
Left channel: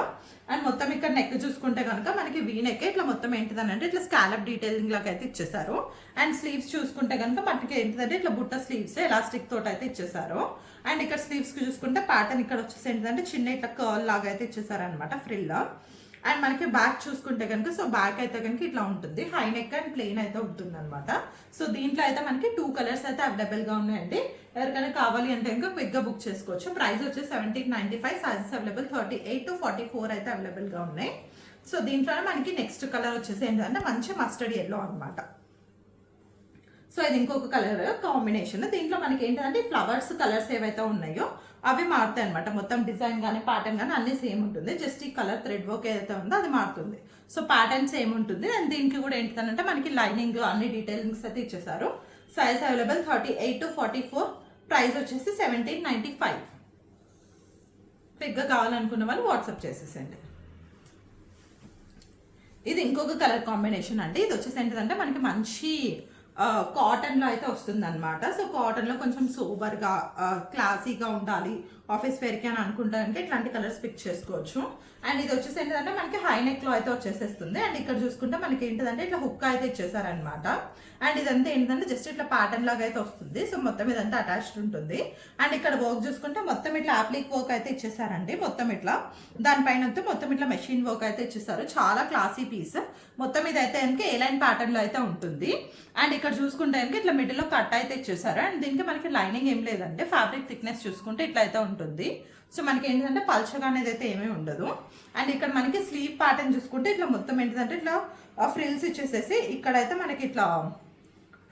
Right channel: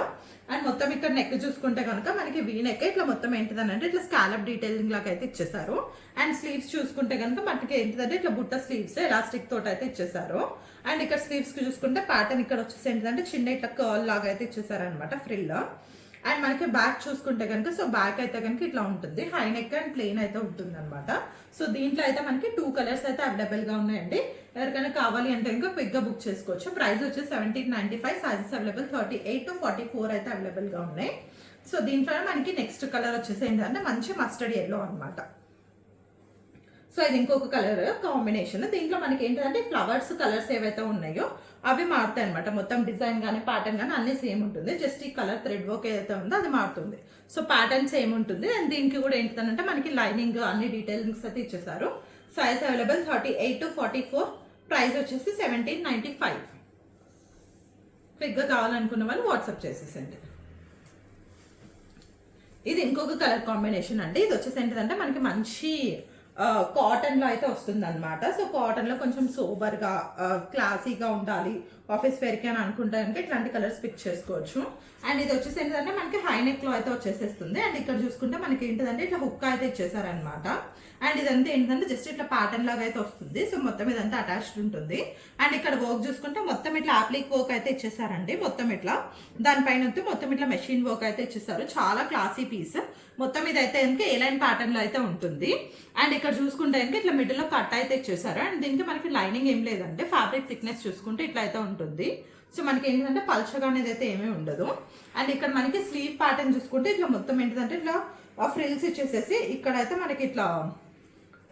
అండ్ మొత్తం ఇక్కడ నెక్ చూసుకుంటే కనుక మనకి వీ నెక్ ఇట్లా మొత్తం ఏంటిదని అంటే ఇట్లా స్కాలప్ డీటెయిలింగ్ లాగా అయితే ఇచ్చేసారు. అండ్ స్లీవ్స్ చూసుకుంటే కనుక మనకి ఏంటిదంటే ఇట్లా బుట్ట స్లీవ్స్ ఎలాస్టిక్ తోటి అయితే ఇచ్చేసారు. అండ్ ఇక్కడ స్లీవ్స్ కి చూసుకుంటే ప్యాటర్న్ ఇక్కడ వచ్చేసి ఏంటంటే చిన్న ఇట్లా కర్ల్ లాగా అయితే ఇచ్చేసారు అనమాట ఫ్రిల్. అండ్ మనకి బ్యాక్ చూసుకుంటే కనుక సో బ్యాక్ అయితే కనుక ఇట్లా ఉంటుంది. హై నెక్ అండ్ ప్లెయిన్ అయితే ఉంటుంది అనమాట. సో దీంట్లో అయితే మనకి 2 కలర్స్ అయితే అవైలబుల్ గా ఉన్నాయండి. ఎవరికైనా కావాలి అంటే ఇంకా క్విక్ గా బుక్ చేసుకోవచ్చు. ప్రైస్ వచ్చేసి 1795. సైజెస్ అవైలబుల్ 38 to 44 అయితే అవైలబుల్ గా ఉన్నాయి. సో దీంట్లోనే మనకి నెక్స్ట్ కలర్ వచ్చేసి ఏంటంటే మంచి మస్టర్డ్ ఎల్లో అనమాట. సో ఇది ఇంకొక కలర్ కాంబినేషన్. దీంట్లో మనకి ఏంటంటే ఫ్లవర్స్ కలర్స్ ఏవైతే ఉన్నాయో అవి మారుతాయి అనమాట. మొత్తం డిజైన్ కానీ ప్యాటర్న్ కానీ అన్ని సేమ్ ఉంటుంది. జస్ట్ ఈ కలర్ థ్రెడ్ వర్క్ ఏదైతే ఉందో అది మారుతుంది. సో ప్యాటర్న్ సేమ్ ఉంటుంది. అండ్ దీనికి కూడా ఏంటంటే మనకి లైనింగ్ అన్ని డీటెయిలింగ్స్ అయితే ఇచ్చేసారు. Size available 38 to 44. ప్రైస్ వచ్చేసి 1795. క్విక్గా కావాలనుకున్న వాళ్ళు వాట్సాప్ చేసేసండి. ఇది ఇంకొక కలర్ కాంబినేషన్ అండి. ఇది వచ్చేసి ఏంటంటే మనకి మంచి కాటన్లో అయితే వస్తుంది అనమాట. సో కాటన్లో కొంచెం సోబర్గా క్లాసీగా ఉండాలి ఆఫీస్ వేర్కి అని అనుకుంటానికి ఇట్లాంటి కలర్స్ పిక్ చేసుకోవచ్చు. అండ్ ఇది వచ్చేసి ఏంటంటే మనకి హై నెక్లో అయితే వచ్చేసేస్తుంది. అండ్ ఇక్కడ చూసుకుంటే మనకి ఏంటిదంటే ఇట్లా హుక్ అయితే ఇచ్చేసారనమాట. అండ్ ఇదంతా ఏంటంటే జస్ట్ ఇట్లా ప్యాటర్న్ లాగా అయితే వస్తుంది. సో మొత్తం ఇదంతా అటాచ్డ్ ఉంటుంది. అండ్ ఇక్కడ వర్క్ చూసుకుంటే మొత్తం ఇట్లా అప్లిక్ వర్క్ అయితే ఇచ్చేసారండి. మొత్తం ఇట్లా దానిపైన మొత్తం ఇట్లా మెషిన్ వర్క్ అయితే ఇచ్చేసారు. చాలా క్లాసీ పీస్. మొత్తం ఇది అయితే కనుక ఏ లైన్ ప్యాటర్న్ లో అయితే ఉంటుంది. అండ్ ఇక్కడ చూసుకుంటే కనుక ఇట్లా మిడిల్ లో కట్ అయితే ఇచ్చేసారు. అండ్ దీనికి మనకి లైనింగ్ ఏం లేదంటే ఫ్యాబ్రిక్ థిక్నెస్ చూసుకుంటే ఇట్లా అయితే ఉంటుంది. సో మనకి ఏంటంటే పల్చగా అనేది అయితే ఏమీ ఉండదు. అండ్ ఇక్కడ మనకి స్లీవ్ ప్యాటర్న్ చూసుకుంటే ఇట్లా మొత్తం ఏంటంటే ఇట్లా ఫ్రిల్స్ ఇచ్చేసేసి ఇక్కడైతే మనకి ఇట్లా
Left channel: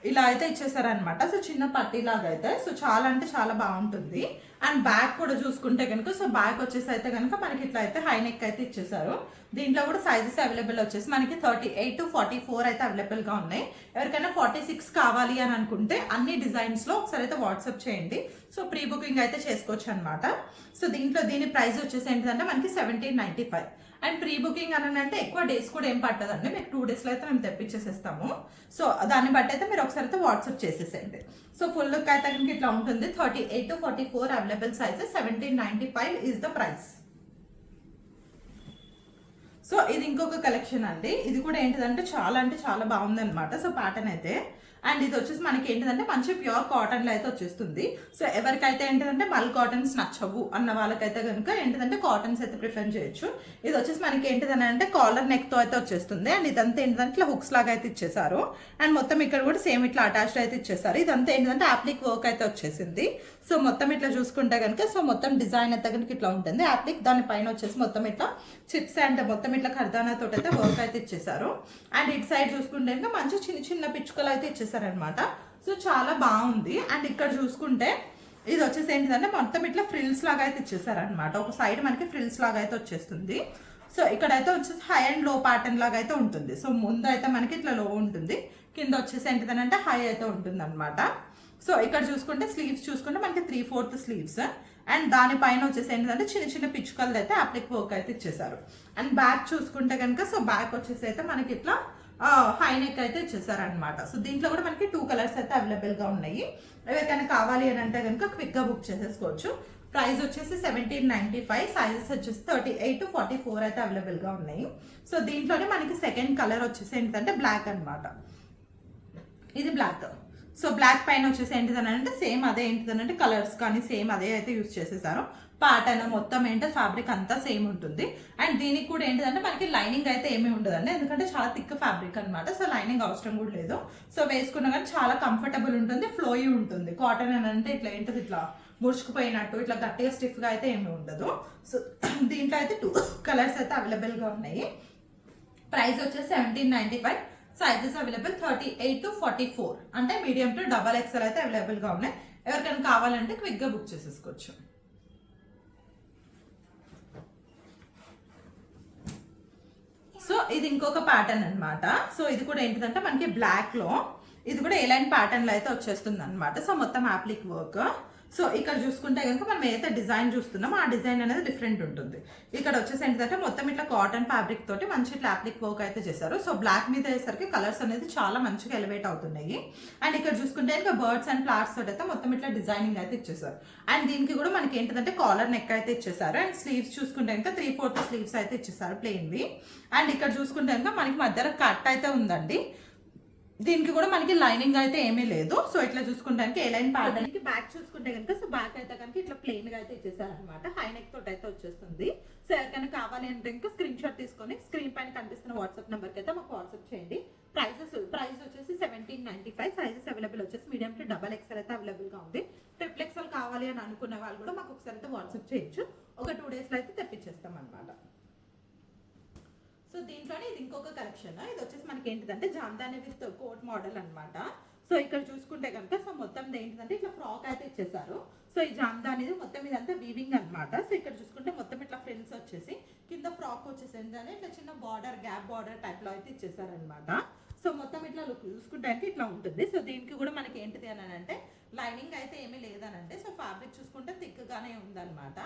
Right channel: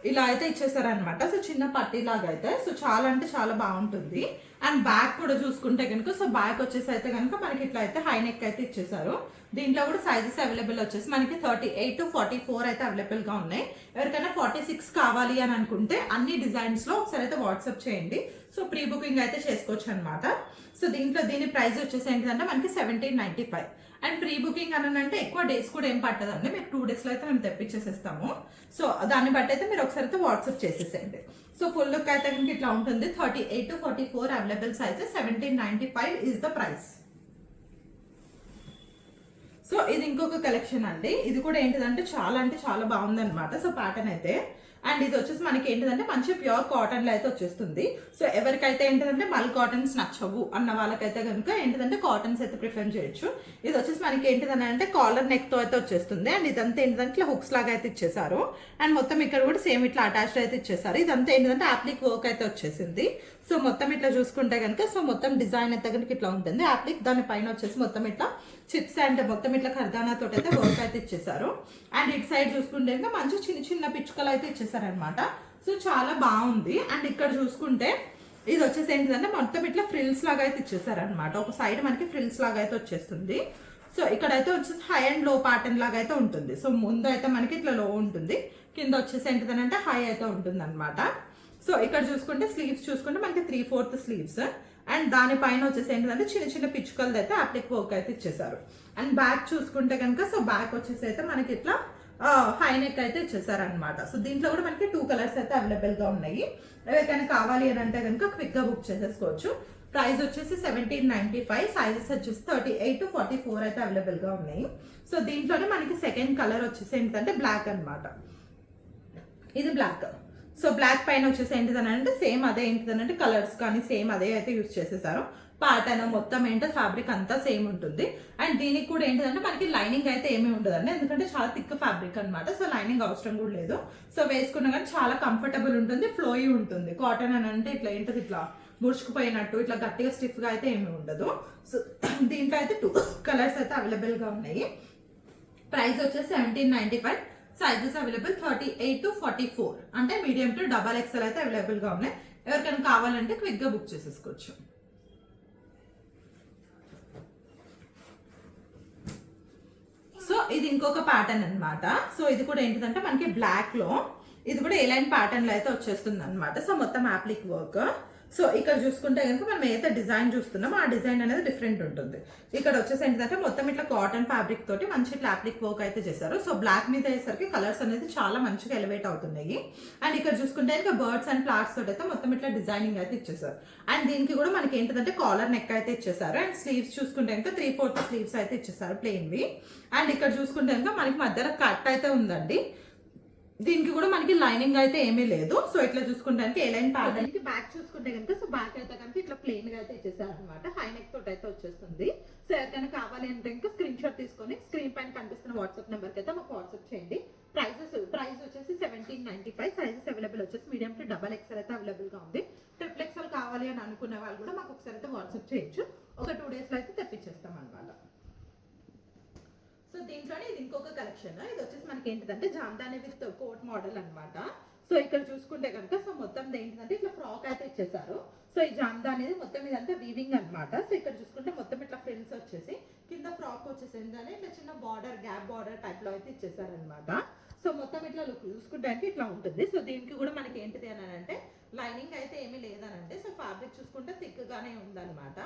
ఇలా అయితే ఇచ్చేసారనమాట. సో చిన్న పట్టీ లాగా అయితే సో చాలా అంటే చాలా బాగుంటుంది. అండ్ బ్యాక్ కూడా చూసుకుంటే కనుక సో బ్యాక్ వచ్చేసి అయితే కనుక మనకి ఇట్లా అయితే హై నెక్ అయితే ఇచ్చేసారు. దీంట్లో కూడా సైజెస్ అవైలబుల్ వచ్చేసి మనకి 38 to 44 అయితే అవైలబుల్ గా ఉన్నాయి. ఎవరికైనా 46 కావాలి అని అనుకుంటే అన్ని డిజైన్స్ లో ఒకసారి అయితే వాట్సాప్ చేయండి. సో ప్రీ బుకింగ్ అయితే చేసుకోవచ్చు అనమాట. సో దీని ప్రైస్ వచ్చేసి ఏంటంటే మనకి 1795. అండ్ ప్రీ బుకింగ్ అని అంటే ఎక్కువ డేస్ కూడా ఏం పట్టదండి. మీకు 2 days లో అయితే మేము తెప్పించేసేస్తాము. సో దాన్ని బట్టి అయితే మీరు ఒకసారి అయితే వాట్సాప్ చేసేసేయండి. సో ఫుల్ లుక్ అయితే ఇట్లా ఉంటుంది. 38 to 44 available sizes. 1795 is the price. So ఇది ఇంకొక కలెక్షన్ అండి. ఇది కూడా ఏంటిదంటే చాలా బాగుంది అనమాట. సో ప్యాటర్న్ అయితే అండ్ ఇది వచ్చేసి మనకి ఏంటిదంటే మంచి ప్యూర్ కాటన్ లో అయితే వచ్చేస్తుంది. సో ఎవరికైతే ఏంటిదంటే మల్ కాటన్స్ నచ్చవు అన్న వాళ్ళకైతే కనుక ఏంటిదంటే కాటన్స్ అయితే ప్రిఫర్ చేయొచ్చు. ఇది వచ్చేసి మనకి ఏంటిదంటే కాలర్ నెక్ తో అయితే వచ్చేస్తుంది. అండ్ ఇదంతా ఏంటంటే ఇట్లా హుక్స్ లాగా అయితే ఇచ్చేసారు. అండ్ మొత్తం ఇక్కడ కూడా సేమ్ ఇట్లా అటాచ్డ్ అయితే ఇచ్చేసారు. ఇదంతా ఏంటంటే అప్లిక్ వర్క్ అయితే వచ్చేసింది. సో మొత్తం ఇట్లా చూసుకుంటే కనుక సో మొత్తం డిజైన్ అయితే కనుక ఇట్లా ఉంటుంది. అప్లిక్ దాని పైన వచ్చేసి మొత్తం ఇట్లా చిప్స్ అండ్ మొత్తం ఇట్లా ఖర్దానా తోటి అయితే వర్క్ అయితే ఇచ్చేసారు. అండ్ ఇటు సైడ్ చూసుకుంటే కనుక మంచి చిన్న పిచ్చుకలు అయితే ఇచ్చేసారనమాట. సో చాలా బాగుంది. అండ్ ఇక్కడ చూసుకుంటే ఇది వచ్చేసి ఏంటిదంటే మొత్తం ఇట్లా ఫ్రిల్స్ లాగా అయితే ఇచ్చేసారనమాట. ఒక సైడ్ మనకి ఫ్రిల్స్ లాగా అయితే వచ్చేస్తుంది. సో ఇక్కడైతే వచ్చేసి హై అండ్ లో ప్యాటర్న్ లాగా అయితే ఉంటుంది. సో ముందు అయితే మనకి ఇట్లా లో ఉంటుంది, కింద వచ్చేసి ఏంటిదనంటే హై అయితే ఉంటుంది అనమాట. సో ఇక్కడ చూసుకుంటే స్లీవ్స్ చూసుకుంటే మనకి 3/4 స్లీవ్స్. అండ్ దానిపైన వచ్చేసి ఏంటంటే చిన్న పిచ్చుకలది అయితే అప్లిక్ వర్క్ అయితే ఇచ్చేసారు. అండ్ బ్యాక్ చూసుకుంటే కనుక సో బ్యాక్ వచ్చేసి అయితే మనకి ఇట్లా హై నెక్ అయితే ఇచ్చేసారు అనమాట. సో దీంట్లో కూడా మనకి 2 కలర్స్ అయితే అవైలబుల్ గా ఉన్నాయి. ఎవరికైనా కావాలి అని అంటే కనుక క్విక్ గా బుక్ చేసేసుకోవచ్చు. ప్రైస్ వచ్చేసి 1795. సైజెస్ వచ్చేసి 38 to 44 అయితే అవైలబుల్ గా ఉన్నాయి. సో దీంట్లోనే మనకి సెకండ్ కలర్ వచ్చేసి ఏంటంటే బ్లాక్ అనమాట. ఇది బ్లాక్. సో బ్లాక్ పైన వచ్చేసి ఏంటిదనంటే సేమ్ అదే ఏంటిదనంటే కలర్స్ కానీ సేమ్ అదే అయితే యూజ్ చేసేసారు. ప్యాటర్న్ మొత్తం ఏంటో ఫ్యాబ్రిక్ అంతా సేమ్ ఉంటుంది. అండ్ దీనికి కూడా ఏంటిదంటే మనకి లైనింగ్ అయితే ఏమీ ఉండదండి, ఎందుకంటే చాలా థిక్ ఫ్యాబ్రిక్ అనమాట. సో లైనింగ్ అవసరం కూడా లేదు. సో వేసుకున్నా కానీ చాలా కంఫర్టబుల్ ఉంటుంది, ఫ్లోయి ఉంటుంది. కాటన్ అని అంటే ఇట్లా ఏంటది ఇట్లా ముడుచుకుపోయినట్టు ఇట్లా గట్టిగా స్టిఫ్ గా అయితే ఏమీ ఉండదు. సో దీంట్లో అయితే 2 కలర్స్ అయితే అవైలబుల్ గా ఉన్నాయి. ప్రైస్ వచ్చేసి 1795. సైజెస్ అవైలబుల్ 38 to 44 అంటే మీడియం టు XXL అయితే అవైలబుల్ గా ఉన్నాయి. ఎవరికైనా కావాలంటే క్విక్ గా బుక్ చేసేసుకోవచ్చు. సో ఇది ఇంకొక ప్యాటర్న్ అనమాట. సో ఇది కూడా ఏంటిదంటే మనకి బ్లాక్ లో ఇది కూడా ఏ లైన్ ప్యాటర్న్ లో అయితే వచ్చేస్తుంది అనమాట. సో మొత్తం అప్లిక్ వర్క్. సో ఇక్కడ చూసుకుంటే కనుక మనం ఏదైతే డిజైన్ చూస్తున్నామో ఆ డిజైన్ అనేది డిఫరెంట్ ఉంటుంది. ఇక్కడ వచ్చేసి ఏంటంటే మొత్తం ఇట్లా కాటన్ ఫ్యాబ్రిక్ తోటి మంచి ఇట్లా అప్లిక్ వర్క్ అయితే చేశారు. సో బ్లాక్ మీద అయ్యేసరికి కలర్స్ అనేది చాలా మంచిగా ఎలివేట్ అవుతున్నాయి. అండ్ ఇక్కడ చూసుకుంటే ఇంకా బర్డ్స్ అండ్ ఫ్లవర్స్ తోటి అయితే మొత్తం ఇట్లా డిజైనింగ్ అయితే ఇచ్చేసారు. అండ్ దీనికి కూడా మనకి ఏంటంటే కాలర్ నెక్ అయితే ఇచ్చేసారు. అండ్ స్లీవ్స్ చూసుకుంటే ఇంకా 3/4 స్లీవ్స్ అయితే ఇచ్చేసారు ప్లెయిన్వి. అండ్ ఇక్కడ చూసుకుంటే ఇంకా మనకి మధ్యలో కట్ అయితే ఉందండి. దీనికి కూడా మనకి లైనింగ్ అయితే ఏమీ లేదు. సో ఇట్లా చూసుకుంటే ఏ లైన్ ప్యాటర్న్ కి బ్యాక్ చూసుకుంటే కనుక సో బ్యాక్ అయితే కనుక ఇట్లా ప్లెయిన్ గా అయితే ఇచ్చేసారు అనమాట. హై నెక్ తోటి అయితే వచ్చేస్తుంది. సో ఎవరికైనా కావాలి అంటే ఇంకా స్క్రీన్ షాట్ తీసుకొని స్క్రీన్ పైన కనిపిస్తున్న వాట్సాప్ నెంబర్ కి అయితే మాకు వాట్సాప్ చేయండి. ప్రైస్ వచ్చేసి 1795. సైజెస్ అవైలబుల్ వచ్చేసి మీడియం టు XXL అయితే అవైలబుల్ గా ఉంది. XXL కావాలి అని అనుకునే వాళ్ళు కూడా మాకు ఒకసారి అయితే వాట్సాప్ చేయొచ్చు. ఒక 2 days లో అయితే తెప్పించేస్తాం అనమాట. సో దీంట్లోనే ఇది ఇంకొక కలెక్షన్. ఇది వచ్చేసి మనకి ఏంటిదంటే జామ్దాని విత్ కోట్ మోడల్ అనమాట. సో ఇక్కడ చూసుకుంటే కనుక సో మొత్తం ఏంటిదంటే ఇట్లా ఫ్రాక్ అయితే ఇచ్చేసారు. సో ఈ జామ్దాని అనేది మొత్తం ఇదంతా వీవింగ్ అనమాట. సో ఇక్కడ చూసుకుంటే మొత్తం ఇట్లా ఫ్రిల్స్ వచ్చేసి కింద ఫ్రాక్ వచ్చేసి ఏంటంటే ఇట్లా చిన్న బార్డర్ గ్యాప్ బార్డర్ టైప్ లో అయితే ఇచ్చేసారు అనమాట. సో మొత్తం ఇట్లా లుక్ చూసుకుంటే ఇట్లా ఉంటుంది. సో దీనికి కూడా మనకి ఏంటిది అని అంటే లైనింగ్ అయితే ఏమీ లేదనంటే సో ఫ్యాబ్రిక్ చూసుకుంటే థిక్ గానే ఉందన్నమాట.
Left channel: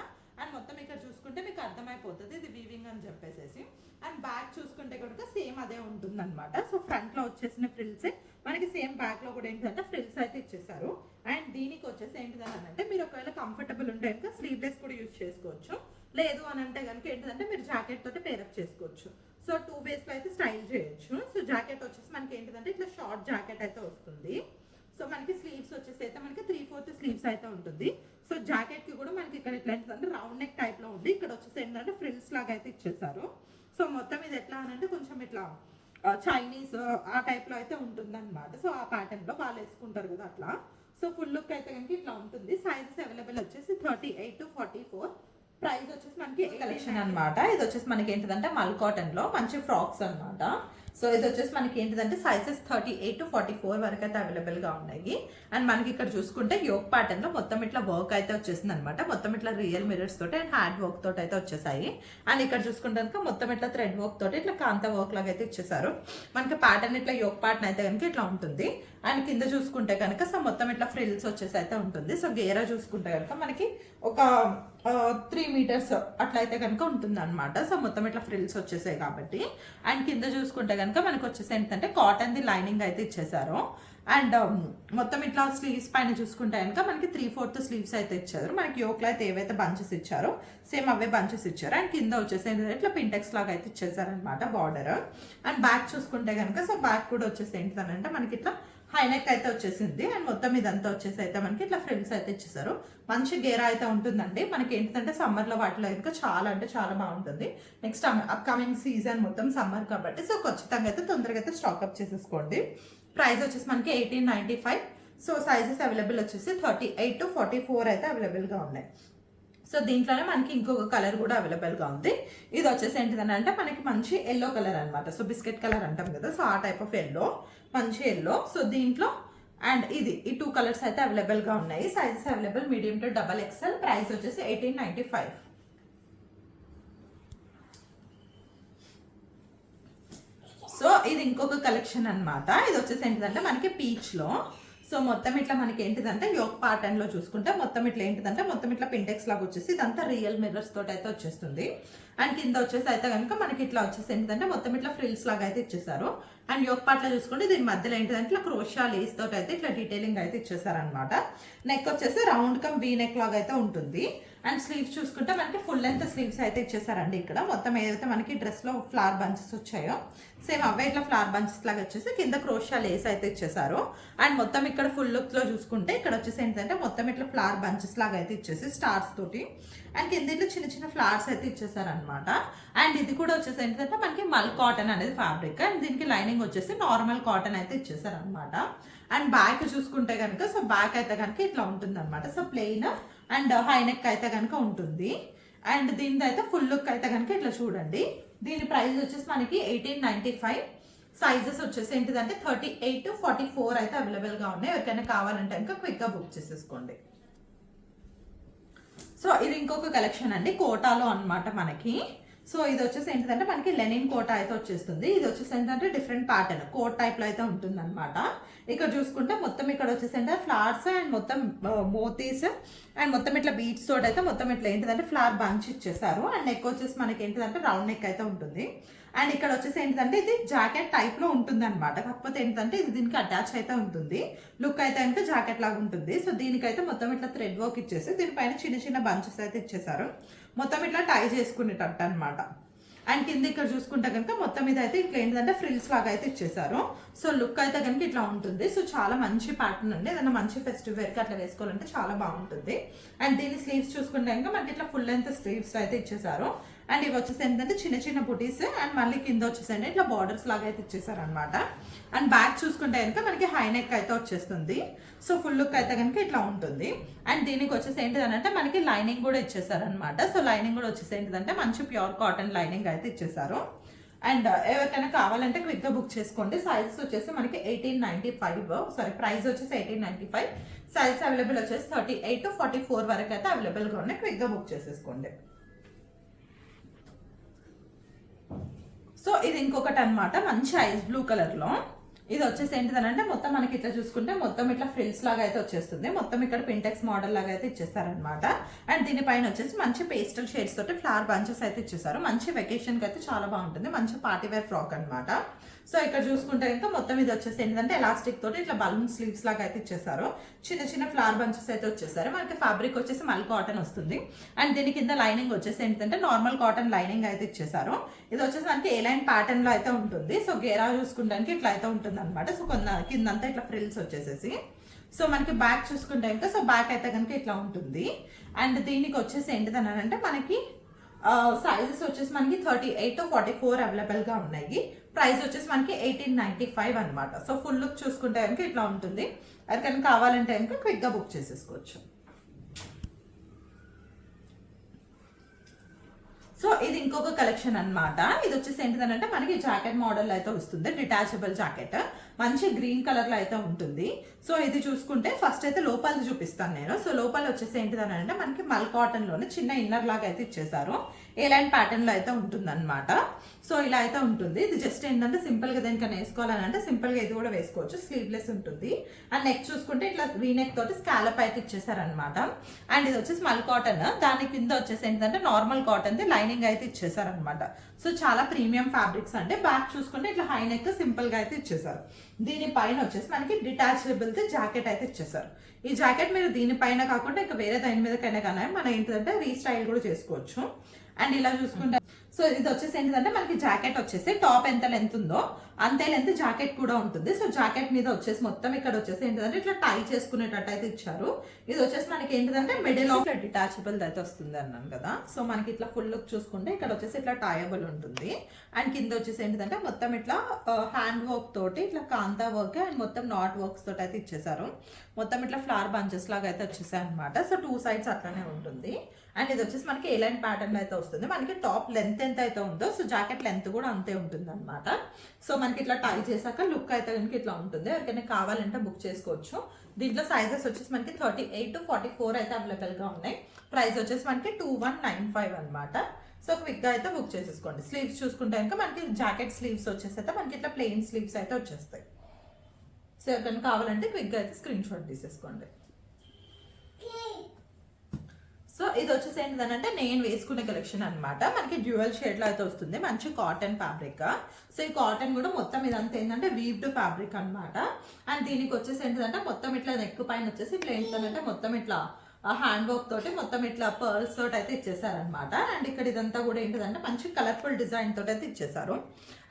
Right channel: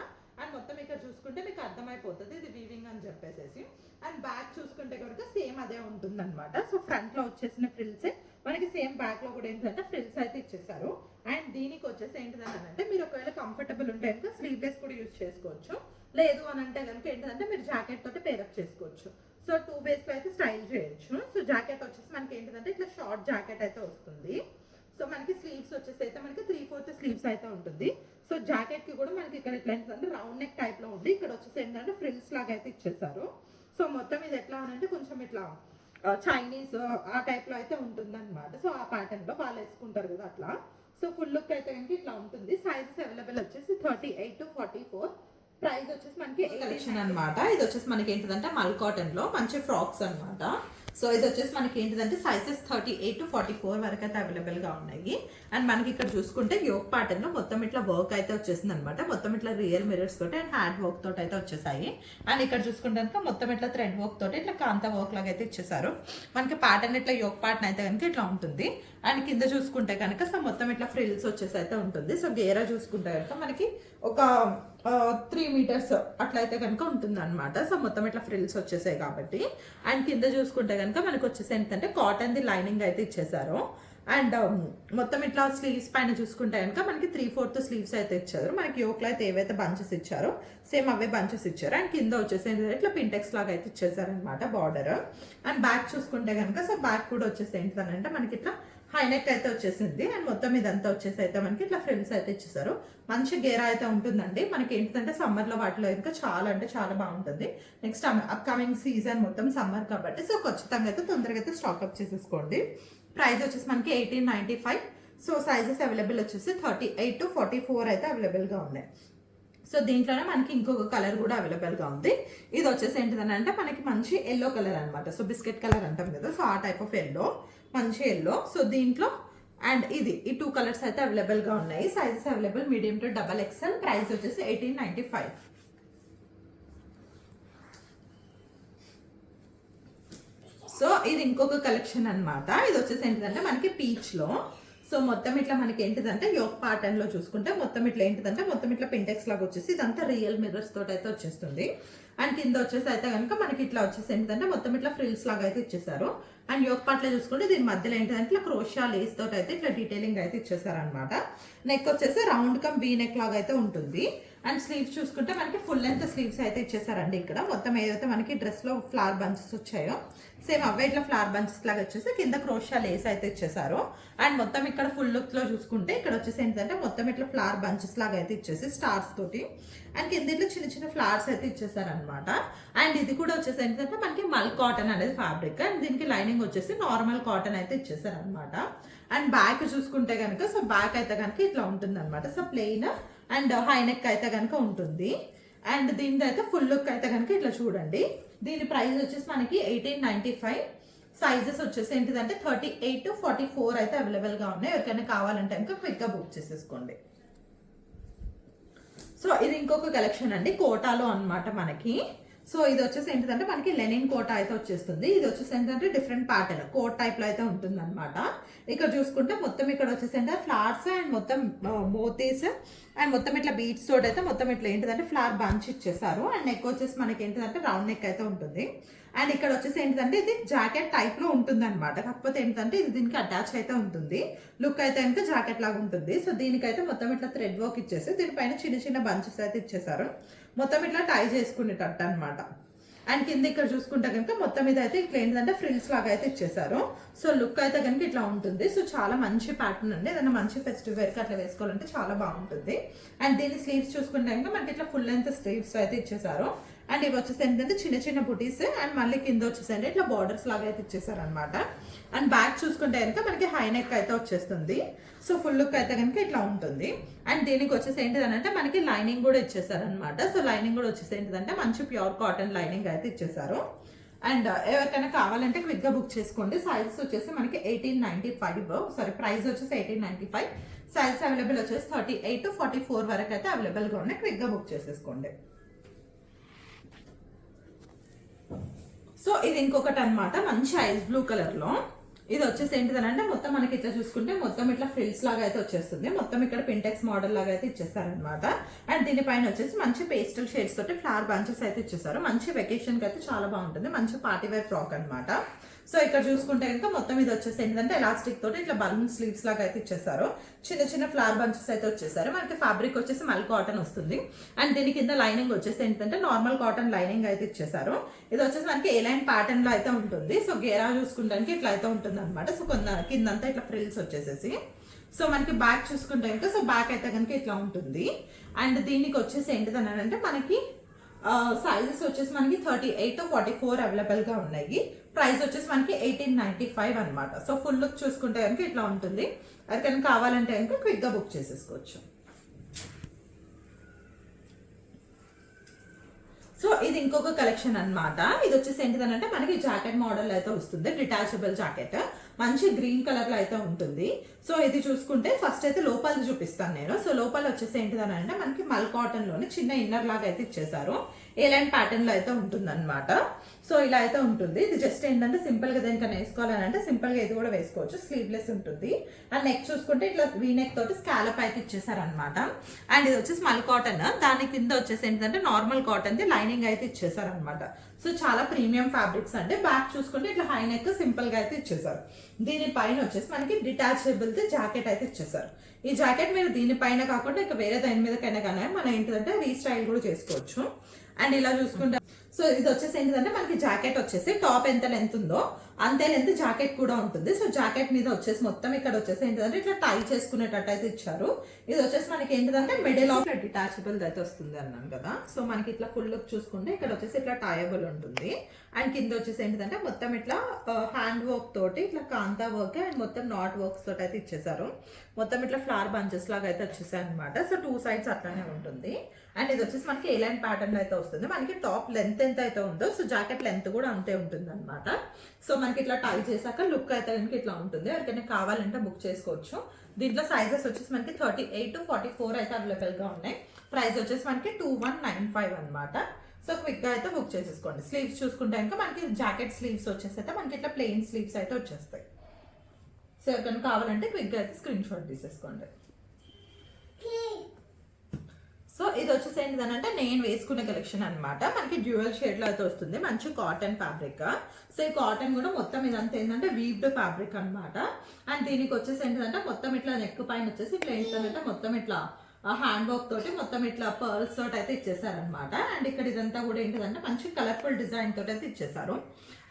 అండ్ మొత్తం ఇక్కడ చూసుకుంటే మీకు అర్థమైపోతుంది ఇది వీవింగ్ అని చెప్పేసి. అండ్ బ్యాక్ చూసుకుంటే కనుక సేమ్ అదే ఉంటుంది అనమాట. సో ఫ్రంట్ లో వచ్చేసిన ఫ్రిల్స్ మనకి సేమ్ బ్యాక్ లో కూడా ఏంటంటే ఫ్రిల్స్ అయితే ఇచ్చేసారు. అండ్ దీనికి వచ్చేసి ఏంటిదని అంటే మీరు ఒకవేళ కంఫర్టబుల్ ఉంటే కనుక స్లీవ్లెస్ కూడా యూజ్ చేసుకోవచ్చు. లేదు అని అంటే కనుక ఏంటంటే మీరు జాకెట్ తోటి పేరప్ చేసుకోవచ్చు. సో 2 ways లో అయితే స్టైల్ చేయొచ్చు. సో జాకెట్ వచ్చేసి మనకి ఏంటంటే ఇట్లా షార్ట్ జాకెట్ అయితే వస్తుంది. సో మనకి స్లీవ్స్ వచ్చేసి అయితే మనకి 3/4 స్లీవ్స్ అయితే ఉంటుంది. సో జాకెట్ కి కూడా మనకి ఇక్కడ ఎట్లా ఏంటంటే రౌండ్ నెక్ టైప్ లో ఉంది. ఇక్కడ వచ్చేసి ఏంటంటే ఫ్రిల్స్ లాగా అయితే ఇచ్చేసారు. సో మొత్తం ఇది ఎట్లా అంటే కొంచెం ఇట్లా చైనీస్ ఆ టైప్ లో అయితే ఉంటుంది అనమాట. సో ఆ ప్యాటర్న్ లో వాళ్ళు వేసుకుంటారు కదా అట్లా. సో ఫుల్ లుక్ అయితే కనుక ఇట్లా ఉంటుంది. సైజెస్ అవైలబుల్ వచ్చేసి 38 to 44. ప్రైస్ వచ్చేసి మనకి కలెక్షన్ అనమాట. ఇది వచ్చేసి మనకి ఏంటిదంటే మల్ కాటన్ లో మంచి ఫ్రాక్స్ అనమాట. సో ఇది వచ్చేసి మనకి ఏంటిదంటే సైజెస్ 38 to 44 వరకు అయితే అవైలబుల్ గా ఉన్నాయి. అండ్ మనకి ఇక్కడ చూసుకుంటే యోక్ ప్యాటర్న్ లో మొత్తం ఇట్లా వర్క్ అయితే వచ్చేసింది అనమాట. మొత్తం ఇట్లా రియల్ మిరర్స్ తోటి అండ్ హ్యాండ్ వర్క్ తోటి అయితే వచ్చేసాయి. అండ్ ఇక్కడ చూసుకుంటే మొత్తం ఇట్లా థ్రెడ్ వర్క్ తోటి ఇట్లా కాంత వర్క్ లాగా అయితే ఇచ్చేసారు. మనకి ప్యాటర్న్ ఇట్లా యోక్ ప్యాటర్న్ అయితే కనుక ఇట్లా ఉంటుంది. అండ్ కింద చూసుకుంటే కనుక సో మొత్తం ఇట్లా ఫ్రిల్స్ వచ్చేసి అయితే ఉంటుంది. సో గేరా చూసుకుంటే కనుక మనకి ఒక 3 meters అట్లా అయితే కనుక ఉంటుంది అనమాట. సో మొత్తం ఇట్లా ఫ్రిల్స్ వచ్చేసాయి కాబట్టి. అండ్ కింద చూసుకుంటే కనుక మనకి వచ్చేసి ఏంటంటే కాటన్ ది లైనింగ్ అయితే ఇచ్చేసారు. అండ్ మొత్తం ఇట్లా స్లీవ్స్ పైన చూసుకుంటే కనుక మనకి 3/4 స్లీవ్స్ అయితే ఇచ్చారు. మనకి యోక్లో అయితే ఏవైతే బంచెస్ ఇచ్చారో సేమ్ అవే బంచెస్ ఇచ్చారు. అండ్ కింద వచ్చేసి ఏంటంటే ఇట్లా పింటెక్స్ లాగా అయితే ఇచ్చేసారు అనమాట బార్డర్. అండ్ బ్యాక్ చూసుకుంటే కనుక సో బ్యాక్ కూడా వచ్చేసి ఏంటంటే మనకి ఇట్లా హై నెక్ అయితే వచ్చేసింది. అండ్ మొత్తం ఇదంతా వచ్చేసి అయితే మనకి ఇట్లా ఫ్రిల్స్ అయితే ఇచ్చేసారు. మంచి గేరా అయితే ఉంటుందండి. మనకి ఏంటంటే సమ్మర్ లో వాటిలో ఇంకా చాలా అంటే చాలా బాగుంటుంది. నెక్స్ట్ అప్కమింగ్ సీజన్ మొత్తం సమ్మర్ కాబట్టి సో ఖచ్చితంగా అయితే తొందరగా అయితే స్టాక్అప్ చేసేసుకోండి. ప్రైస్ వచ్చేసి మనకి 1895. సో సైజెస్ అవైలబుల్ వచ్చేసి 38 to 44 అయితే అవైలబుల్ గా ఉన్నాయి. సో దీంట్లోనే మనకి ఇంకొక కలర్ కూడా అవైలబుల్ గా ఉంది. ఇది వచ్చేసి ఏంటిదని అంటే మనకి మంచి ఎల్లో కలర్ అనమాట. సో బిస్కెట్ కలర్ అంటాం కదా, సో ఆ టైప్ ఆఫ్ ఎల్లో, మంచి ఎల్లో. సో దీంట్లో అండ్ ఇది ఈ 2 కలర్స్ అయితే అవైలబుల్ గా ఉన్నాయి. Sizes available medium to XXL. Price వచ్చేసి 1895. సో ఇది ఇంకొక కలెక్షన్ అనమాట. ఇది వచ్చేసి ఏంటిదంటే మనకి పీచ్ లో సో మొత్తం ఇట్లా మనకి ఏంటిదంటే యోక్ ప్యాటర్న్ లో చూసుకుంటే మొత్తం ఇట్లా ఏంటిదంటే మొత్తం ఇట్లా పింటెక్స్ లాగా వచ్చేసి ఇదంతా రియల్ మిర్రర్స్ తోటి అయితే వచ్చేస్తుంది. అండ్ కింద వచ్చేసి అయితే కనుక మనకి ఇట్లా వచ్చేసి ఏంటంటే మొత్తం ఇట్లా ఫ్రిల్స్ లాగా అయితే ఇచ్చేసారు. అండ్ యోక్ పార్ట్ లో చూసుకుంటే దీని మధ్యలో ఏంటంటే ఇట్లా క్రోషియా లేస్ తోటి అయితే ఇట్లా డీటెయిలింగ్ అయితే ఇచ్చేసారు అనమాట. నెక్ వచ్చేసి రౌండ్ కమ్ వీ నెక్ లాగా అయితే ఉంటుంది. అండ్ స్లీవ్స్ చూసుకుంటే మనకి ఫుల్ లెంత్ స్లీవ్స్ అయితే ఇచ్చేసారండి. ఇక్కడ మొత్తం ఏదైతే మనకి డ్రెస్ లో ఫ్లవర్ బంచెస్ వచ్చాయో సేమ్ అవే ఇట్లా ఫ్లవర్ బంచెస్ లాగా వచ్చేసి కింద క్రోషియా లేస్ అయితే ఇచ్చేసారు. అండ్ మొత్తం ఇక్కడ ఫుల్ లుక్ లో చూసుకుంటే ఇక్కడ వచ్చేసి ఏంటంటే మొత్తం ఇట్లా ఫ్లవర్ బంచెస్ లాగా అయితే ఇచ్చేసి స్టార్స్ తోటి అండ్ కింద ఇట్లా చిన్న చిన్న ఫ్లవర్స్ అయితే ఇచ్చేసారు అనమాట. అండ్ ఇది కూడా వచ్చేసి ఏంటంటే మనకి మల్ కాటన్ అనేది ఫ్యాబ్రిక్. అండ్ దీనికి లైనింగ్ వచ్చేసి నార్మల్ కాటన్ అయితే ఇచ్చేసారు అనమాట. అండ్ బ్యాక్ చూసుకుంటే కనుక సో బ్యాక్ అయితే కనుక ఇట్లా ఉంటుంది అనమాట. So plain and high neck అయితే కనుక ఉంటుంది. అండ్ దీని అయితే ఫుల్ లుక్ అయితే కనుక ఇట్లా చూడండి. దీని ప్రైస్ వచ్చేసి మనకి 1895. సైజెస్ వచ్చేసి ఏంటిదంటే 38 to 44 అయితే అవైలబుల్ గా ఉన్నాయి. ఎవరికైనా కావాలంటే కనుక క్విక్ గా బుక్ చేసేసుకోండి. సో ఇది ఇంకొక కలెక్షన్ అండి కోటాలో అన్నమాట మనకి. సో ఇది వచ్చేసి ఏంటంటే మనకి లెనిన్ కోటా అయితే వచ్చేస్తుంది. ఇది వచ్చేసి ఏంటంటే డిఫరెంట్ ప్యాటర్న్ కోట్ టైప్ లో అయితే ఉంటుంది అనమాట. ఇక్కడ చూసుకుంటే మొత్తం ఇక్కడ వచ్చేసి ఏంటంటే ఫ్లవర్స్ అండ్ మొత్తం మోతీస్ అండ్ మొత్తం ఇట్లా బీట్స్ తోటి అయితే మొత్తం ఇట్లా ఏంటంటే ఫ్లవర్ బంచ్ ఇచ్చేసారు. అండ్ నెక్ వచ్చేసి మనకి ఏంటంటే రౌండ్ నెక్ అయితే ఉంటుంది. అండ్ ఇక్కడ వచ్చేసి ఏంటంటే ఇది జాకెట్ టైప్ లో ఉంటుంది అనమాట. కాకపోతే ఏంటంటే ఇది దీనికి అటాచ్ అయితే ఉంటుంది. లుక్ అయితే కనుక జాకెట్ లాగా ఉంటుంది. సో దీనికైతే మొత్తం ఇట్లా థ్రెడ్ వర్క్ ఇచ్చేసి దీనిపైన చిన్న చిన్న బంచెస్ అయితే ఇచ్చేసారు. మొత్తం ఇట్లా టై చేసుకునేటట్టు అనమాట. అండ్ కింద ఇక్కడ చూసుకుంటే కనుక మొత్తం ఇది అయితే ఇట్లా ఏంటంటే ఫ్రిల్స్ లాగా అయితే ఇచ్చేసారు. సో లుక్ అయితే కనుక ఇట్లా ఉంటుంది. సో చాలా మంచి ప్యాటర్న్ అండి. ఏదైనా మంచి ఫెస్టివ్ వేర్కి అట్లా వేసుకోవాలంటే చాలా బాగుంటుంది. అండ్ దీని స్లీవ్స్ చూసుకుంటే కనుక మనకి ఇట్లా ఫుల్ లెంత్ స్లీవ్స్ అయితే ఇచ్చేసారు. అండ్ ఇవి వచ్చేసి ఏంటంటే చిన్న చిన్న బుటీస్ అండ్ మళ్ళీ కింద వచ్చేసి ఇట్లా బార్డర్స్ లాగా అయితే ఇచ్చేసారు అనమాట. అండ్ బ్యాక్ చూసుకుంటే కనుక మనకి హై నెక్ అయితే వచ్చేస్తుంది. సో ఫుల్ లుక్ అయితే కనుక ఇట్లా ఉంటుంది. అండ్ దీనికి వచ్చేసి ఏంటిదంటే మనకి లైనింగ్ కూడా ఇచ్చేసారు అనమాట. సో లైనింగ్ కూడా వచ్చేసి ఏంటిదంటే మంచి ప్యూర్ కాటన్ లైనింగ్ అయితే ఇచ్చేసారు. అండ్ ఎవరికైనా కావాలంటే క్విక్ గా బుక్ చేసుకోండి. సైజెస్ వచ్చేసి మనకి 1895. సారీ ప్రైస్ వచ్చేసి 1895. సైజ్ అవైలబుల్ వచ్చేసి 38 to 44 వరకు అయితే అవైలబుల్ గా ఉన్నాయి. క్విక్ గా బుక్ చేసేసుకోండి. సో ఇది ఇంకొకటి అనమాట మంచి ఐస్ బ్లూ కలర్ లో. ఇది వచ్చేసి ఏంటిదనంటే మొత్తం మనకి ఇట్లా చూసుకుంటే మొత్తం ఇట్లా ఫ్రిల్స్ లాగా అయితే వచ్చేస్తుంది. మొత్తం ఇక్కడ పింటెక్స్ మోడల్ లాగా అయితే ఇచ్చేసారనమాట. అండ్ దీనిపైన వచ్చేసి మంచి పేస్టల్ షేడ్స్ తోటి ఫ్లవర్ బంచెస్ అయితే ఇచ్చేసారు. మంచి వెకేషన్ కి అయితే చాలా బాగుంటుంది. మంచి పార్టీ వేర్ ఫ్రాక్ అనమాట. సో ఇక్కడ చూసుకుంటే ఇంకా మొత్తం ఇది వచ్చేసి ఏంటంటే ఎలాస్టిక్ తోటి ఇట్లా బలూన్ స్లీవ్స్ లాగా అయితే ఇచ్చేసారు. చిన్న చిన్న ఫ్లవర్ బంచెస్ అయితే వచ్చేసారు. మనకి ఫ్యాబ్రిక్ వచ్చేసి మల్ కాటన్ వస్తుంది. అండ్ దీని కింద లైనింగ్ వచ్చేసి ఏంటంటే నార్మల్ కాటన్ లైనింగ్ అయితే ఇచ్చేసారు. ఇది వచ్చేసి మనకి ఏ లైన్ ప్యాటర్న్ లో అయితే ఉంటుంది. సో గేరా చూసుకుంటానికి ఇట్లా అయితే ఉంటుంది అనమాట. సో కిందంతా ఇట్లా ఫ్రిల్స్ వచ్చేసేసి సో మనకి బ్యాక్ చూసుకుంటే ఇంకా సో బ్యాక్ అయితే కనుక ఇట్లా ఉంటుంది. అండ్ దీనికి వచ్చేసి ఏంటిదని అంటే మనకి సైజెస్ వచ్చేసి మనకి 38 to 44 అవైలబుల్ గా ఉన్నాయి. ప్రైస్ వచ్చేసి మనకి 1895 అనమాట. సో ఫుల్ లుక్ చూసుకుంటే కనుక ఇట్లా ఉంటుంది. అది కనుక కావాలంటే ఇంకా క్విక్ గా బుక్ చేసేసుకోవచ్చు. సో ఇది ఇంకొక కలెక్షన్ అనమాట. ఇది వచ్చేసి ఏంటిదనంటే మనకి జాకెట్ మోడల్ అయితే వస్తుంది. డిటాచబుల్ జాకెట్ మంచి గ్రీన్ కలర్ లో అయితే ఉంటుంది. సో ఇది చూసుకుంటే ఫస్ట్ అయితే లోపల చూపిస్తాను నేను. సో లోపల వచ్చేసి ఏంటిదని అంటే మనకి మల్ కాటన్ లోనే చిన్న ఇన్నర్ లాగా అయితే ఇచ్చేసారు. ఏ లైన్ ప్యాటర్న్ లో అయితే ఉంటుంది అనమాట. సో ఇలా అయితే ఉంటుంది. ఇది జస్ట్ ఏంటంటే సింపుల్ గా దేనికైనా వేసుకోవాలని అంటే సింపుల్ గా ఇది కూడా వేసుకోవచ్చు. స్లీవ్లెస్ ఉంటుంది. అండ్ నెక్ చూసుకుంటే ఇట్లా వీ నెక్ తోటి స్కాలప్ అయితే ఇచ్చేసారనమాట. అండ్ ఇది వచ్చేసి మల్ కాటన్. దాని కింద వచ్చేసి ఏంటంటే నార్మల్ కాటన్ ది లైనింగ్ అయితే ఇచ్చేసారనమాట. సో చాలా ప్రీమియం ఫ్యాబ్రిక్స్ అంటే బ్యాక్ చూసుకుంటే ఇట్లా హై నెక్ సింపుల్ గా అయితే ఇచ్చేసారు. దీనిపైన వచ్చేసి మనకి డిటాచబుల్ ది జాకెట్ అయితే ఇచ్చేసారు. ఈ జాకెట్ మీరు దీనిపైన కాకుండా ఇంకా వేరే దాని మీదకైనా కానీ మన ఏంటంటే రీస్టైల్ కూడా చేసుకోవచ్చు. అండ్ ఇలా చూసుకుంటే సో ఇది వచ్చేసి ఏంటంటే మనకి జాకెట్ వచ్చేసి టాప్ ఎంత లెంత్ ఉందో అంతే లెంత్ జాకెట్ కూడా ఉంటుంది. సో జాకెట్ మీద వచ్చేసి మొత్తం ఇక్కడ వచ్చేసి ఏంటంటే ఇట్లా టై చేసుకునేటట్టు అయితే ఇచ్చారు. ఇది వచ్చేసి మనకి ఏంటంటే మిడిల్ ఆఫ్ డిటాచబుల్ అయితే వస్తుంది అన్నాను కదా. సో మనకి ఇట్లా ఫుల్ లుక్ చూసుకుంటే ఇక్కడ వచ్చేసి ఇట్లా టైయబుల్ ఉంటుంది. అండ్ కింద వచ్చేసి ఏంటంటే మొత్తం ఇట్లా హ్యాండ్ వర్క్ తోటి ఇట్లా కాంతా వర్క్ అండ్ మొత్తం నాట్ వర్క్స్ తోటి అయితే ఇచ్చేసారు. మొత్తం ఇట్లా ఫ్లవర్ బంచెస్ లాగా అయితే వచ్చేసాయి అనమాట. సో 2 sides అట్లానే ఉంటుంది. అండ్ ఇది వచ్చేసి మనకి ఏ లైన్ ప్యాటర్న్ అయితే వస్తుంది. మనకి టాప్ లెంత్ ఎంత అయితే ఉందో సో జాకెట్ లెంత్ కూడా అంతే ఉంటుంది అనమాట. సో మనకి ఇట్లా టై చేశాక లుక్ అయితే కనుక ఇట్లా ఉంటుంది. ఎవరికైనా కావాలంటే బుక్ చేసుకోవచ్చు. దీంట్లో సైజెస్ వచ్చేసి మనకి 38 to 44 అయితే అవైలబుల్ గా ఉన్నాయి. ప్రైస్ వచ్చేసి మనకి 2195 అనమాట. సో క్విక్ గా అయితే బుక్ చేసేసుకోండి. స్లీవ్స్ చూసుకుంటే ఇంకా మనకి జాకెట్ స్లీవ్స్ వచ్చేసి అయితే మనకి ఇట్లా ప్లెయిన్ స్లీవ్స్ అయితే వచ్చేస్తాయి. సో ఎవరికైనా కావాలంటే క్విక్ గా అయితే స్క్రీన్ షాట్ తీసేసుకోండి. సో ఇది వచ్చేసి ఏంటంటే నేను వేసుకునే కలెక్షన్ అనమాట. మనకి డ్యూయల్ షేడ్ లో అయితే వస్తుంది. మంచి కాటన్ ఫ్యాబ్రిక్. సో ఈ కాటన్ కూడా మొత్తం ఇదంతా ఏంటంటే వీవ్డ్ ఫ్యాబ్రిక్ అనమాట. అండ్ దీనికి వచ్చేసి ఏంటంటే మొత్తం ఇట్లా నెక్ పైన వచ్చేసి ఇట్లా ఏంటంటే మొత్తం ఇట్లా హ్యాండ్ వర్క్ తోటి మొత్తం ఇట్లా పర్ల్స్ తోటి అయితే ఇచ్చేసారనమాట. అండ్ ఇక్కడ ఇదంతా కూడా ఏంటంటే మంచి కలర్ఫుల్ డిజైన్ తోటి అయితే ఇచ్చేసారు.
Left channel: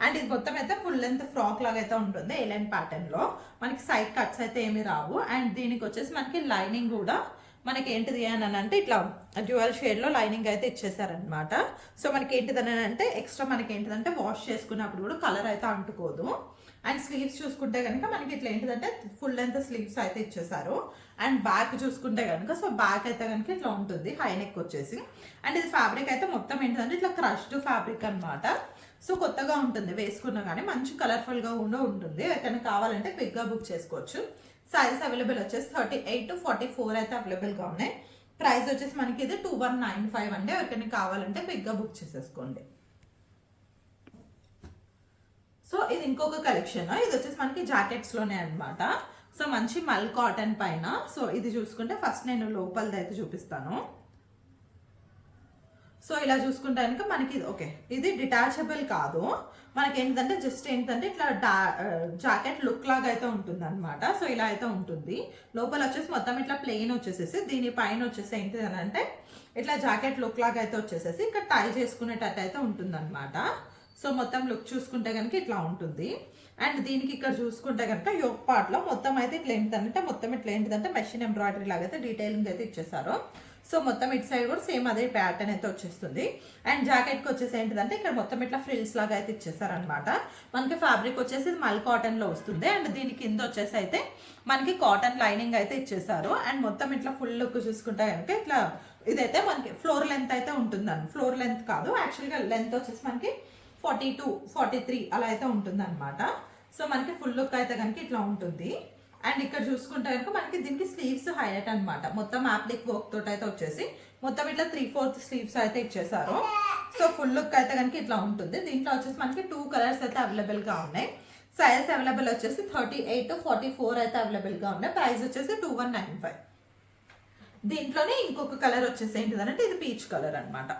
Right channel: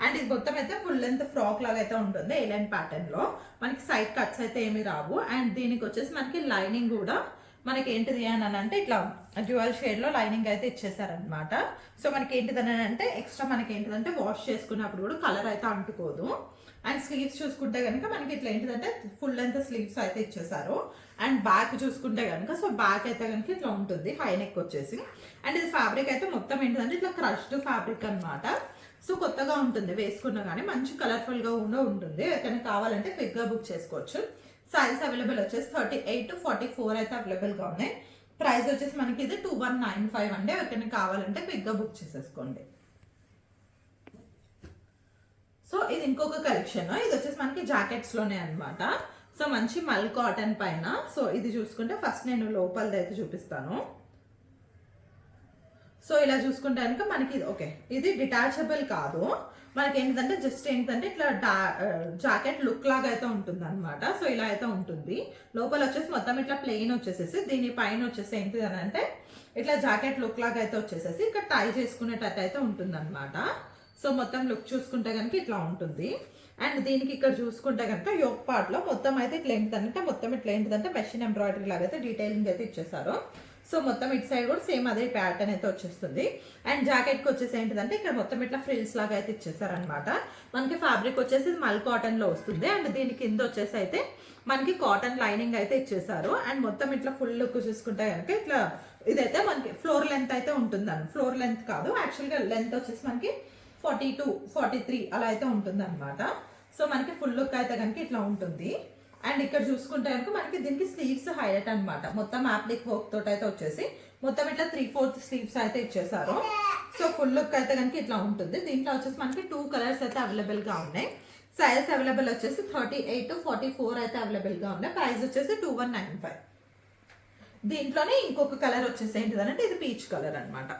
అండ్ ఇది మొత్తం అయితే ఫుల్ లెంత్ ఫ్రాక్ లాగా అయితే ఉంటుంది. ఏ లైన్ ప్యాటర్న్ లో మనకి సైడ్ కట్స్ అయితే ఏమి రావు. అండ్ దీనికి వచ్చేసి మనకి లైనింగ్ కూడా మనకి ఏంటిది అని అంటే ఇట్లా డ్యూయల్ షేడ్ లో లైనింగ్ అయితే ఇచ్చేసారనమాట. సో మనకి ఏంటిదని అంటే ఎక్స్ట్రా మనకి ఏంటిదంటే వాష్ చేసుకున్నప్పుడు కూడా కలర్ అయితే అంటుకోదు. అండ్ స్లీవ్స్ చూసుకుంటే కనుక మనకి ఇట్లా ఏంటిదంటే ఫుల్ లెంత్ స్లీవ్స్ అయితే ఇచ్చేసారు. అండ్ బ్యాక్ చూసుకుంటే కనుక సో బ్యాక్ అయితే కనుక ఇట్లా ఉంటుంది హై నెక్ వచ్చేసి. అండ్ ఇది ఫ్యాబ్రిక్ అయితే మొత్తం ఏంటిదంటే ఇట్లా క్రష్డ్ ఫ్యాబ్రిక్ అనమాట. సో కొత్తగా ఉంటుంది వేసుకున్నా కానీ మంచి కలర్ఫుల్ గా కూడా ఉంటుంది. ఎక్కడైనా కావాలంటే క్విక్ గా బుక్ చేసుకోవచ్చు. సైజెస్ అవైలబుల్ వచ్చేసి 38 to 44 అయితే అవైలబుల్ గా ఉన్నాయి. ప్రైస్ వచ్చేసి మనకి ఇది 2195 అంటే ఎవరికైనా కావాలంటే క్విక్ గా బుక్ చేసేసుకోండి. సో ఇది ఇంకొక కలెక్షన్. ఇది వచ్చేసి మనకి జాకెట్స్ లోనే అనమాట. సో మంచి మల్ కాటన్ పైన. సో ఇది చూసుకుంటే ఫస్ట్ నేను లోపలది అయితే చూపిస్తాను. సో ఇలా చూసుకుంటే కనుక మనకి ఓకే ఇది డిటాచబుల్ కాదు. మనకి ఏంటంటే జస్ట్ ఏంటంటే ఇట్లా జాకెట్ లుక్ లాగా అయితే ఉంటుంది అనమాట. సో ఇలా అయితే ఉంటుంది. లోపల వచ్చేసి మొత్తం ఇట్లా ప్లెయిన్ వచ్చేసేసి దీనిపైన వచ్చేసి ఏంటిది అని అంటే ఇట్లా జాకెట్ లుక్ లాగా అయితే వచ్చేసేసి ఇక్కడ టై చేసుకునేటట్టు అయితే ఉంటుంది అనమాట. సో మొత్తం లుక్ చూసుకుంటే కనుక ఇట్లా ఉంటుంది. అండ్ దీనికి ఇక్కడ చూసుకుంటే కనుక యోక్ పార్ట్ లో మొత్తం అయితే ఇట్లా ఏంటిదంటే మొత్తం ఇట్లా ఏంటిదంటే మెషిన్ ఎంబ్రాయిడరీ లాగా అయితే డీటెయిలింగ్ అయితే ఇచ్చేసారు. సో మొత్తం ఇటు సైడ్ కూడా సేమ్ అదే ప్యాటర్న్ అయితే వచ్చేస్తుంది. అండ్ జాకెట్ కి వచ్చేసి ఏంటిదంటే ఇక్కడ మొత్తం ఇట్లా ఫ్రిల్స్ లాగా అయితే ఇచ్చేసారనమాట. మనకి ఫ్యాబ్రిక్ వచ్చేసి మల్ కాటన్ లో వస్తుంది. అండ్ దీని కింద వచ్చేసి అయితే మనకి కాటన్ లైనింగ్ అయితే ఇచ్చేసారు. అండ్ మొత్తం ఇట్లా ఫుల్ లుక్ చూసుకుంటే కనుక ఇట్లా ఇదైతే మనకి ఫ్లోర్ లెంత్ అయితే ఉంటుందండి. ఫ్లోర్ లెంత్ కాదు యాక్చువల్గా లెంత్ వచ్చేసి మనకి 42, 43 అలా అయితే ఉంటుంది అనమాట. సో మనకి ఫుల్ లుక్ అయితే కనుక ఇట్లా ఉంటుంది. అండ్ ఇక్కడ చూసుకుంటే కనుక మనకి దీనికి స్లీవ్స్ హైలైట్ అనమాట. మొత్తం యాప్లిక్ వర్క్ తోటి అయితే వచ్చేసి మొత్తం ఇట్లా 3/4 స్లీవ్స్ అయితే ఇచ్చేసారు. సో ఫుల్ లుక్ అయితే కనుక ఇట్లా ఉంటుంది. దీంట్లో వచ్చేసి మనకి 2 కలర్స్ అయితే అవైలబుల్ గా ఉన్నాయి. సైజ్ అవైలబుల్ వచ్చేసి 38 to 44 అయితే అవైలబుల్గా ఉన్నాయి. ప్రైస్ వచ్చేసి 2195. దీంట్లోనే ఇంకొక కలర్ వచ్చేసి ఏంటిదంటే ఇది పీచ్ కలర్ అనమాట.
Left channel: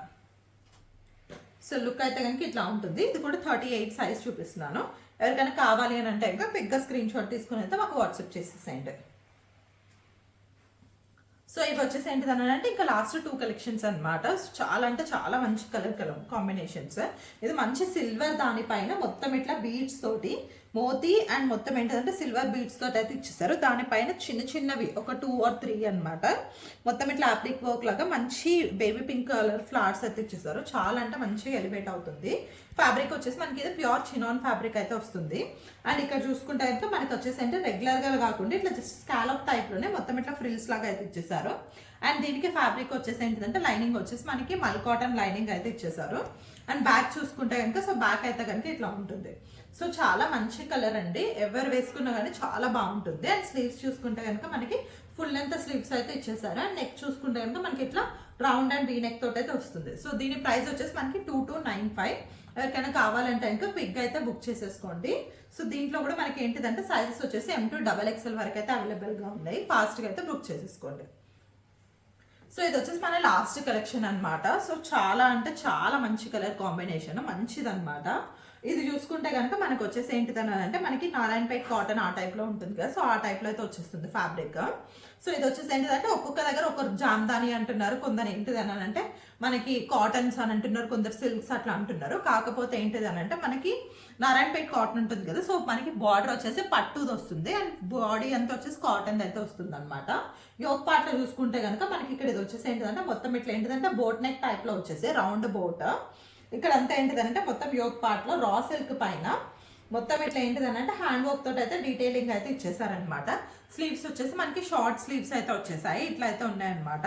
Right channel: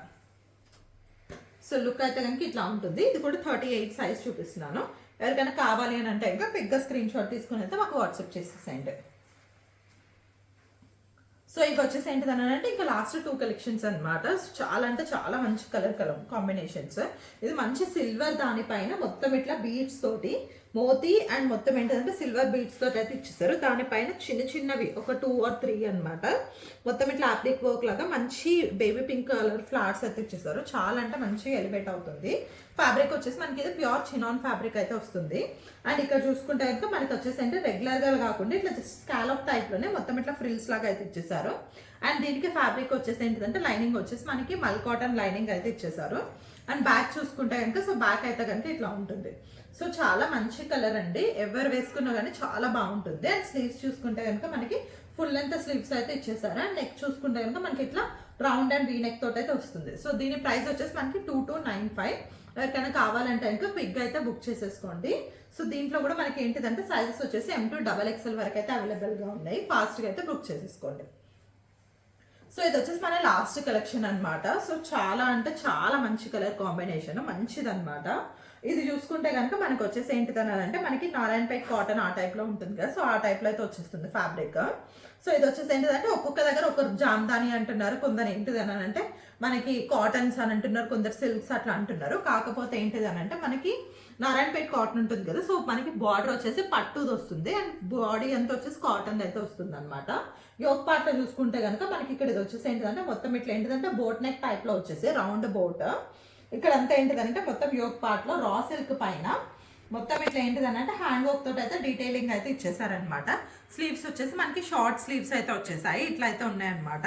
సో లుక్ అయితే కనుక ఇట్లా ఉంటుంది. ఇది కూడా 38 సైజ్ చూపిస్తున్నాను. ఎవరికైనా కావాలి అని అంటే ఇంకా బిగ్గా స్క్రీన్ షాట్ తీసుకుని అయితే మాకు వాట్సాప్ చేసేసేయండి. సో ఇవి వచ్చేసి ఏంటిదనంటే ఇంకా లాస్ట్ 2 కలెక్షన్స్ అనమాట. చాలా అంటే చాలా మంచి కలర్ కాంబినేషన్స్. ఇది మంచి సిల్వర్ దానిపైన మొత్తం ఇట్లా బీడ్స్ తోటి మోతీ అండ్ మొత్తం ఏంటిదంటే సిల్వర్ బీడ్స్ తోటి అయితే ఇచ్చేసారు. దానిపైన చిన్న చిన్నవి ఒక 2 or 3 అనమాట. మొత్తం ఇట్లా అప్లిక్ వర్క్ లాగా మంచి బేబీ పింక్ కలర్ ఫ్లవర్స్ అయితే ఇచ్చేసారు. చాలా అంటే మంచిగా ఎలివేట్ అవుతుంది. ఫ్యాబ్రిక్ వచ్చేసి మనకి ఇది ప్యూర్ చినాన్ ఫ్యాబ్రిక్ అయితే వస్తుంది. అండ్ ఇక్కడ చూసుకుంటే కనుక మనకి వచ్చేసి అంటే రెగ్యులర్గా కాకుండా ఇట్లా జస్ట్ స్కాలప్ టైప్లోనే మొత్తం ఇట్లా ఫ్రిల్స్ లాగా అయితే ఇచ్చేసారు. అండ్ దీనికి ఫ్యాబ్రిక్ వచ్చేసి ఏంటిదంటే లైనింగ్ వచ్చేసి మనకి మల్ కాటన్ లైనింగ్ అయితే ఇచ్చేసారు. అండ్ బ్యాక్ చూసుకుంటే కనుక సో బ్యాక్ అయితే కనుక ఇట్లా ఉంటుంది. సో చాలా మంచి కలర్ అండి. ఎవరు వేసుకున్నా కానీ చాలా బాగుంటుంది. అండ్ స్లీవ్స్ చూసుకుంటే కనుక మనకి ఫుల్ లెంత్ స్లీవ్స్ అయితే ఇచ్చేసారు. అండ్ నెక్ చూసుకుంటే కనుక మనకి ఇట్లా రౌండ్ అండ్ వీ నెక్ తోటి అయితే వస్తుంది. సో దీని ప్రైస్ వచ్చేసి మనకి 2295. ఎవరికైనా కావాలంటే ఇంకా క్విక్ అయితే బుక్ చేసేసుకోండి. సో దీంట్లో కూడా మనకి ఏంటిదంటే సైజెస్ వచ్చేసి M to XXL వరకు అయితే అవైలబుల్గా ఉన్నాయి. ఫాస్ట్గా అయితే బుక్ చేసేసుకోండి. సో ఇది వచ్చేసి మన లాస్ట్ కలెక్షన్ అనమాట. సో చాలా అంటే చాలా మంచి కలర్ కాంబినేషన్ మంచిది అనమాట. ఇది చూసుకుంటే కనుక మనకి వచ్చేసి ఏంటిదని అంటే మనకి నారాయణపేట్ కాటన్ ఆ టైప్లో ఉంటుంది కదా. సో ఆ టైప్లో అయితే వచ్చేస్తుంది ఫ్యాబ్రిక్. సో ఇది వచ్చేసి ఏంటిదంటే ఒక్కొక్క దగ్గర ఒక జామ్దాని అంటున్నారు, కొందరు ఏంటిదని అంటే మనకి కాటన్స్ అని అంటున్నారు, కొందరు సిల్క్స్ అట్లా అంటున్నారు. కాకపోతే ఏంటిదని అంటే మనకి నారాయణపేట్ కాటన్ ఉంటుంది కదా. సో మనకి బార్డర్ వచ్చేసి పట్టుది వస్తుంది అండ్ బాడీ అంతా వచ్చేసి కాటన్ అయితే వస్తుంది అనమాట. యోక్ పార్ట్ లో చూసుకుంటే కనుక మనకి ఇక్కడ ఇది వచ్చేసి ఏంటిదంటే మొత్తం ఇట్లా ఏంటిదంటే బోట్ నెక్ టైప్ లో వచ్చేసి రౌండ్ బోట్. ఇక్కడ అంతా ఏంటిదంటే మొత్తం యోక్ పార్ట్ లో రా సిల్క్ పైన మొత్తం ఇట్లా ఏంటిదనంటే హ్యాండ్ వర్క్ తోటి అయితే డీటెయిలింగ్ అయితే ఇచ్చేసారనమాట. స్లీవ్స్ వచ్చేసి మనకి షార్ట్ స్లీవ్స్ అయితే వచ్చేసాయి, ఇట్లా అయితే ఉన్నాయన్నమాట.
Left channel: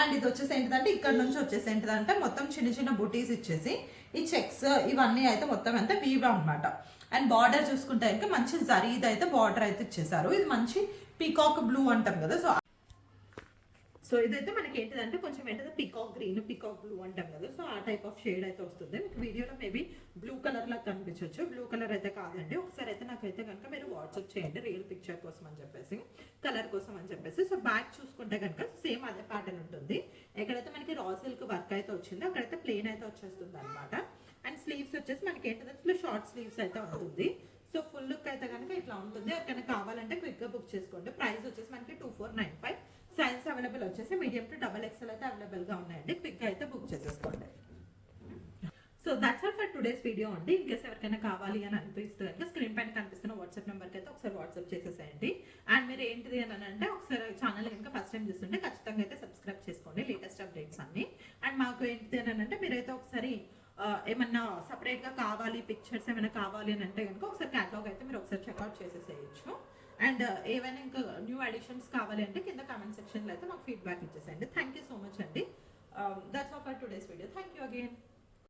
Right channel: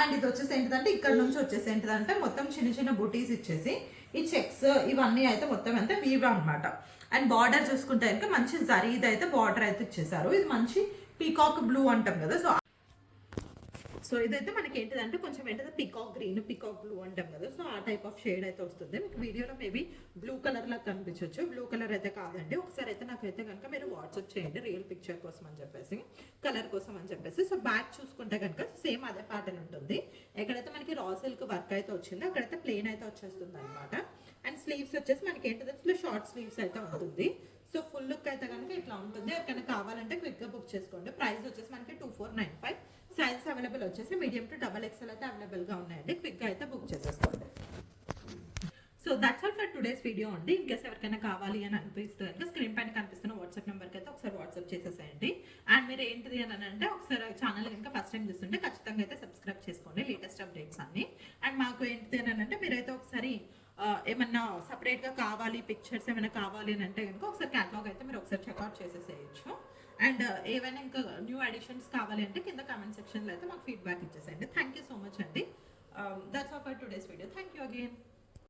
అండ్ ఇది వచ్చేసి ఏంటిదంటే ఇక్కడ నుంచి వచ్చేసి ఏంటిదంటే మొత్తం చిన్న చిన్న బుటీస్ ఇచ్చేసి ఈ చెక్స్ ఇవన్నీ అయితే మొత్తం అంతా వీవ్ అనమాట. అండ్ బార్డర్ చూసుకుంటే కనుక మంచి జరీది అయితే బార్డర్ అయితే ఇచ్చేసారు. ఇది మంచి పీకాక్ బ్లూ అంటాం కదా. సో ఇదైతే మనకి ఏంటిదంటే కొంచెం ఏంటంటే పికాక్ గ్రీన్ పికాక్ బ్లూ అంటాం కదా. సో ఆ టైప్ ఆఫ్ షేడ్ అయితే వస్తుంది. మీకు వీడియోలో మేబీ బ్లూ కలర్ లాగా కనిపించవచ్చు. బ్లూ కలర్ అయితే కాదండి. ఒకసారి అయితే నాకైతే కనుక మీరు వాట్సాప్ చేయండి రియల్ పిక్చర్ కోసం అని చెప్పేసి, కలర్ కోసం అని చెప్పేసి. సో బ్యాక్ చూసుకుంటే కనుక సేమ్ అదే ప్యాటర్న్ ఉంటుంది. ఎక్కడైతే మనకి రా సిల్క్ వర్క్ అయితే వచ్చిందో అక్కడైతే ప్లెయిన్ అయితే వచ్చేస్తుంది అనమాట. అండ్ స్లీవ్స్ వచ్చేసి మనకి ఏంటంటే షార్ట్ స్లీవ్స్ అయితే ఉంటుంది. సో ఫుల్ లుక్ అయితే కనుక ఇట్లా ఉంటుంది. ఎక్కడైనా కావాలంటే క్విక్గా బుక్ చేసుకోండి. ప్రైస్ వచ్చేసి మనకి 2495. సైజ్ అవైలబుల్ వచ్చేసి మీడియం టు XXL అయితే అవైలబుల్గా ఉన్నాయండి. క్విక్గా అయితే బుక్ చేసేసుకోండి. So that's all for today's video అండి. ఇన్కేస్ ఎవరికైనా కావాలి అని అనిపిస్తే కనుక స్క్రీన్ పైన కనిపిస్తున్న వాట్సాప్ నెంబర్కి అయితే ఒకసారి వాట్సాప్ చేసేసేయండి. అండ్ మీరు ఏంటిది అని అంటే ఒకసారి ఛానల్ కనుక ఫస్ట్ టైం చూస్తుంటే ఖచ్చితంగా అయితే సబ్స్క్రైబ్ చేసుకోండి లేటెస్ట్ అప్డేట్స్ అన్ని. అండ్ మాకు ఏంటిది అని అంటే మీరైతే ఒకసారి ఏమన్నా సపరేట్గా కావాలి పిక్చర్స్ ఏమైనా కావాలి అని అంటే కనుక ఒకసారి క్యాటలాగ్ అయితే మీరు ఒకసారి చెక్అవుట్ చేసేసేయచ్చు. అండ్ ఏవైనా ఇంకా న్యూ అడిషన్స్ కావాలి అంటే కింద కామెంట్ సెక్షన్లో అయితే మాకు ఫీడ్బ్యాక్ ఇచ్చేసేయండి. థ్యాంక్ యూ సో మచ్ అండి. That's all for today's video. Thank you again.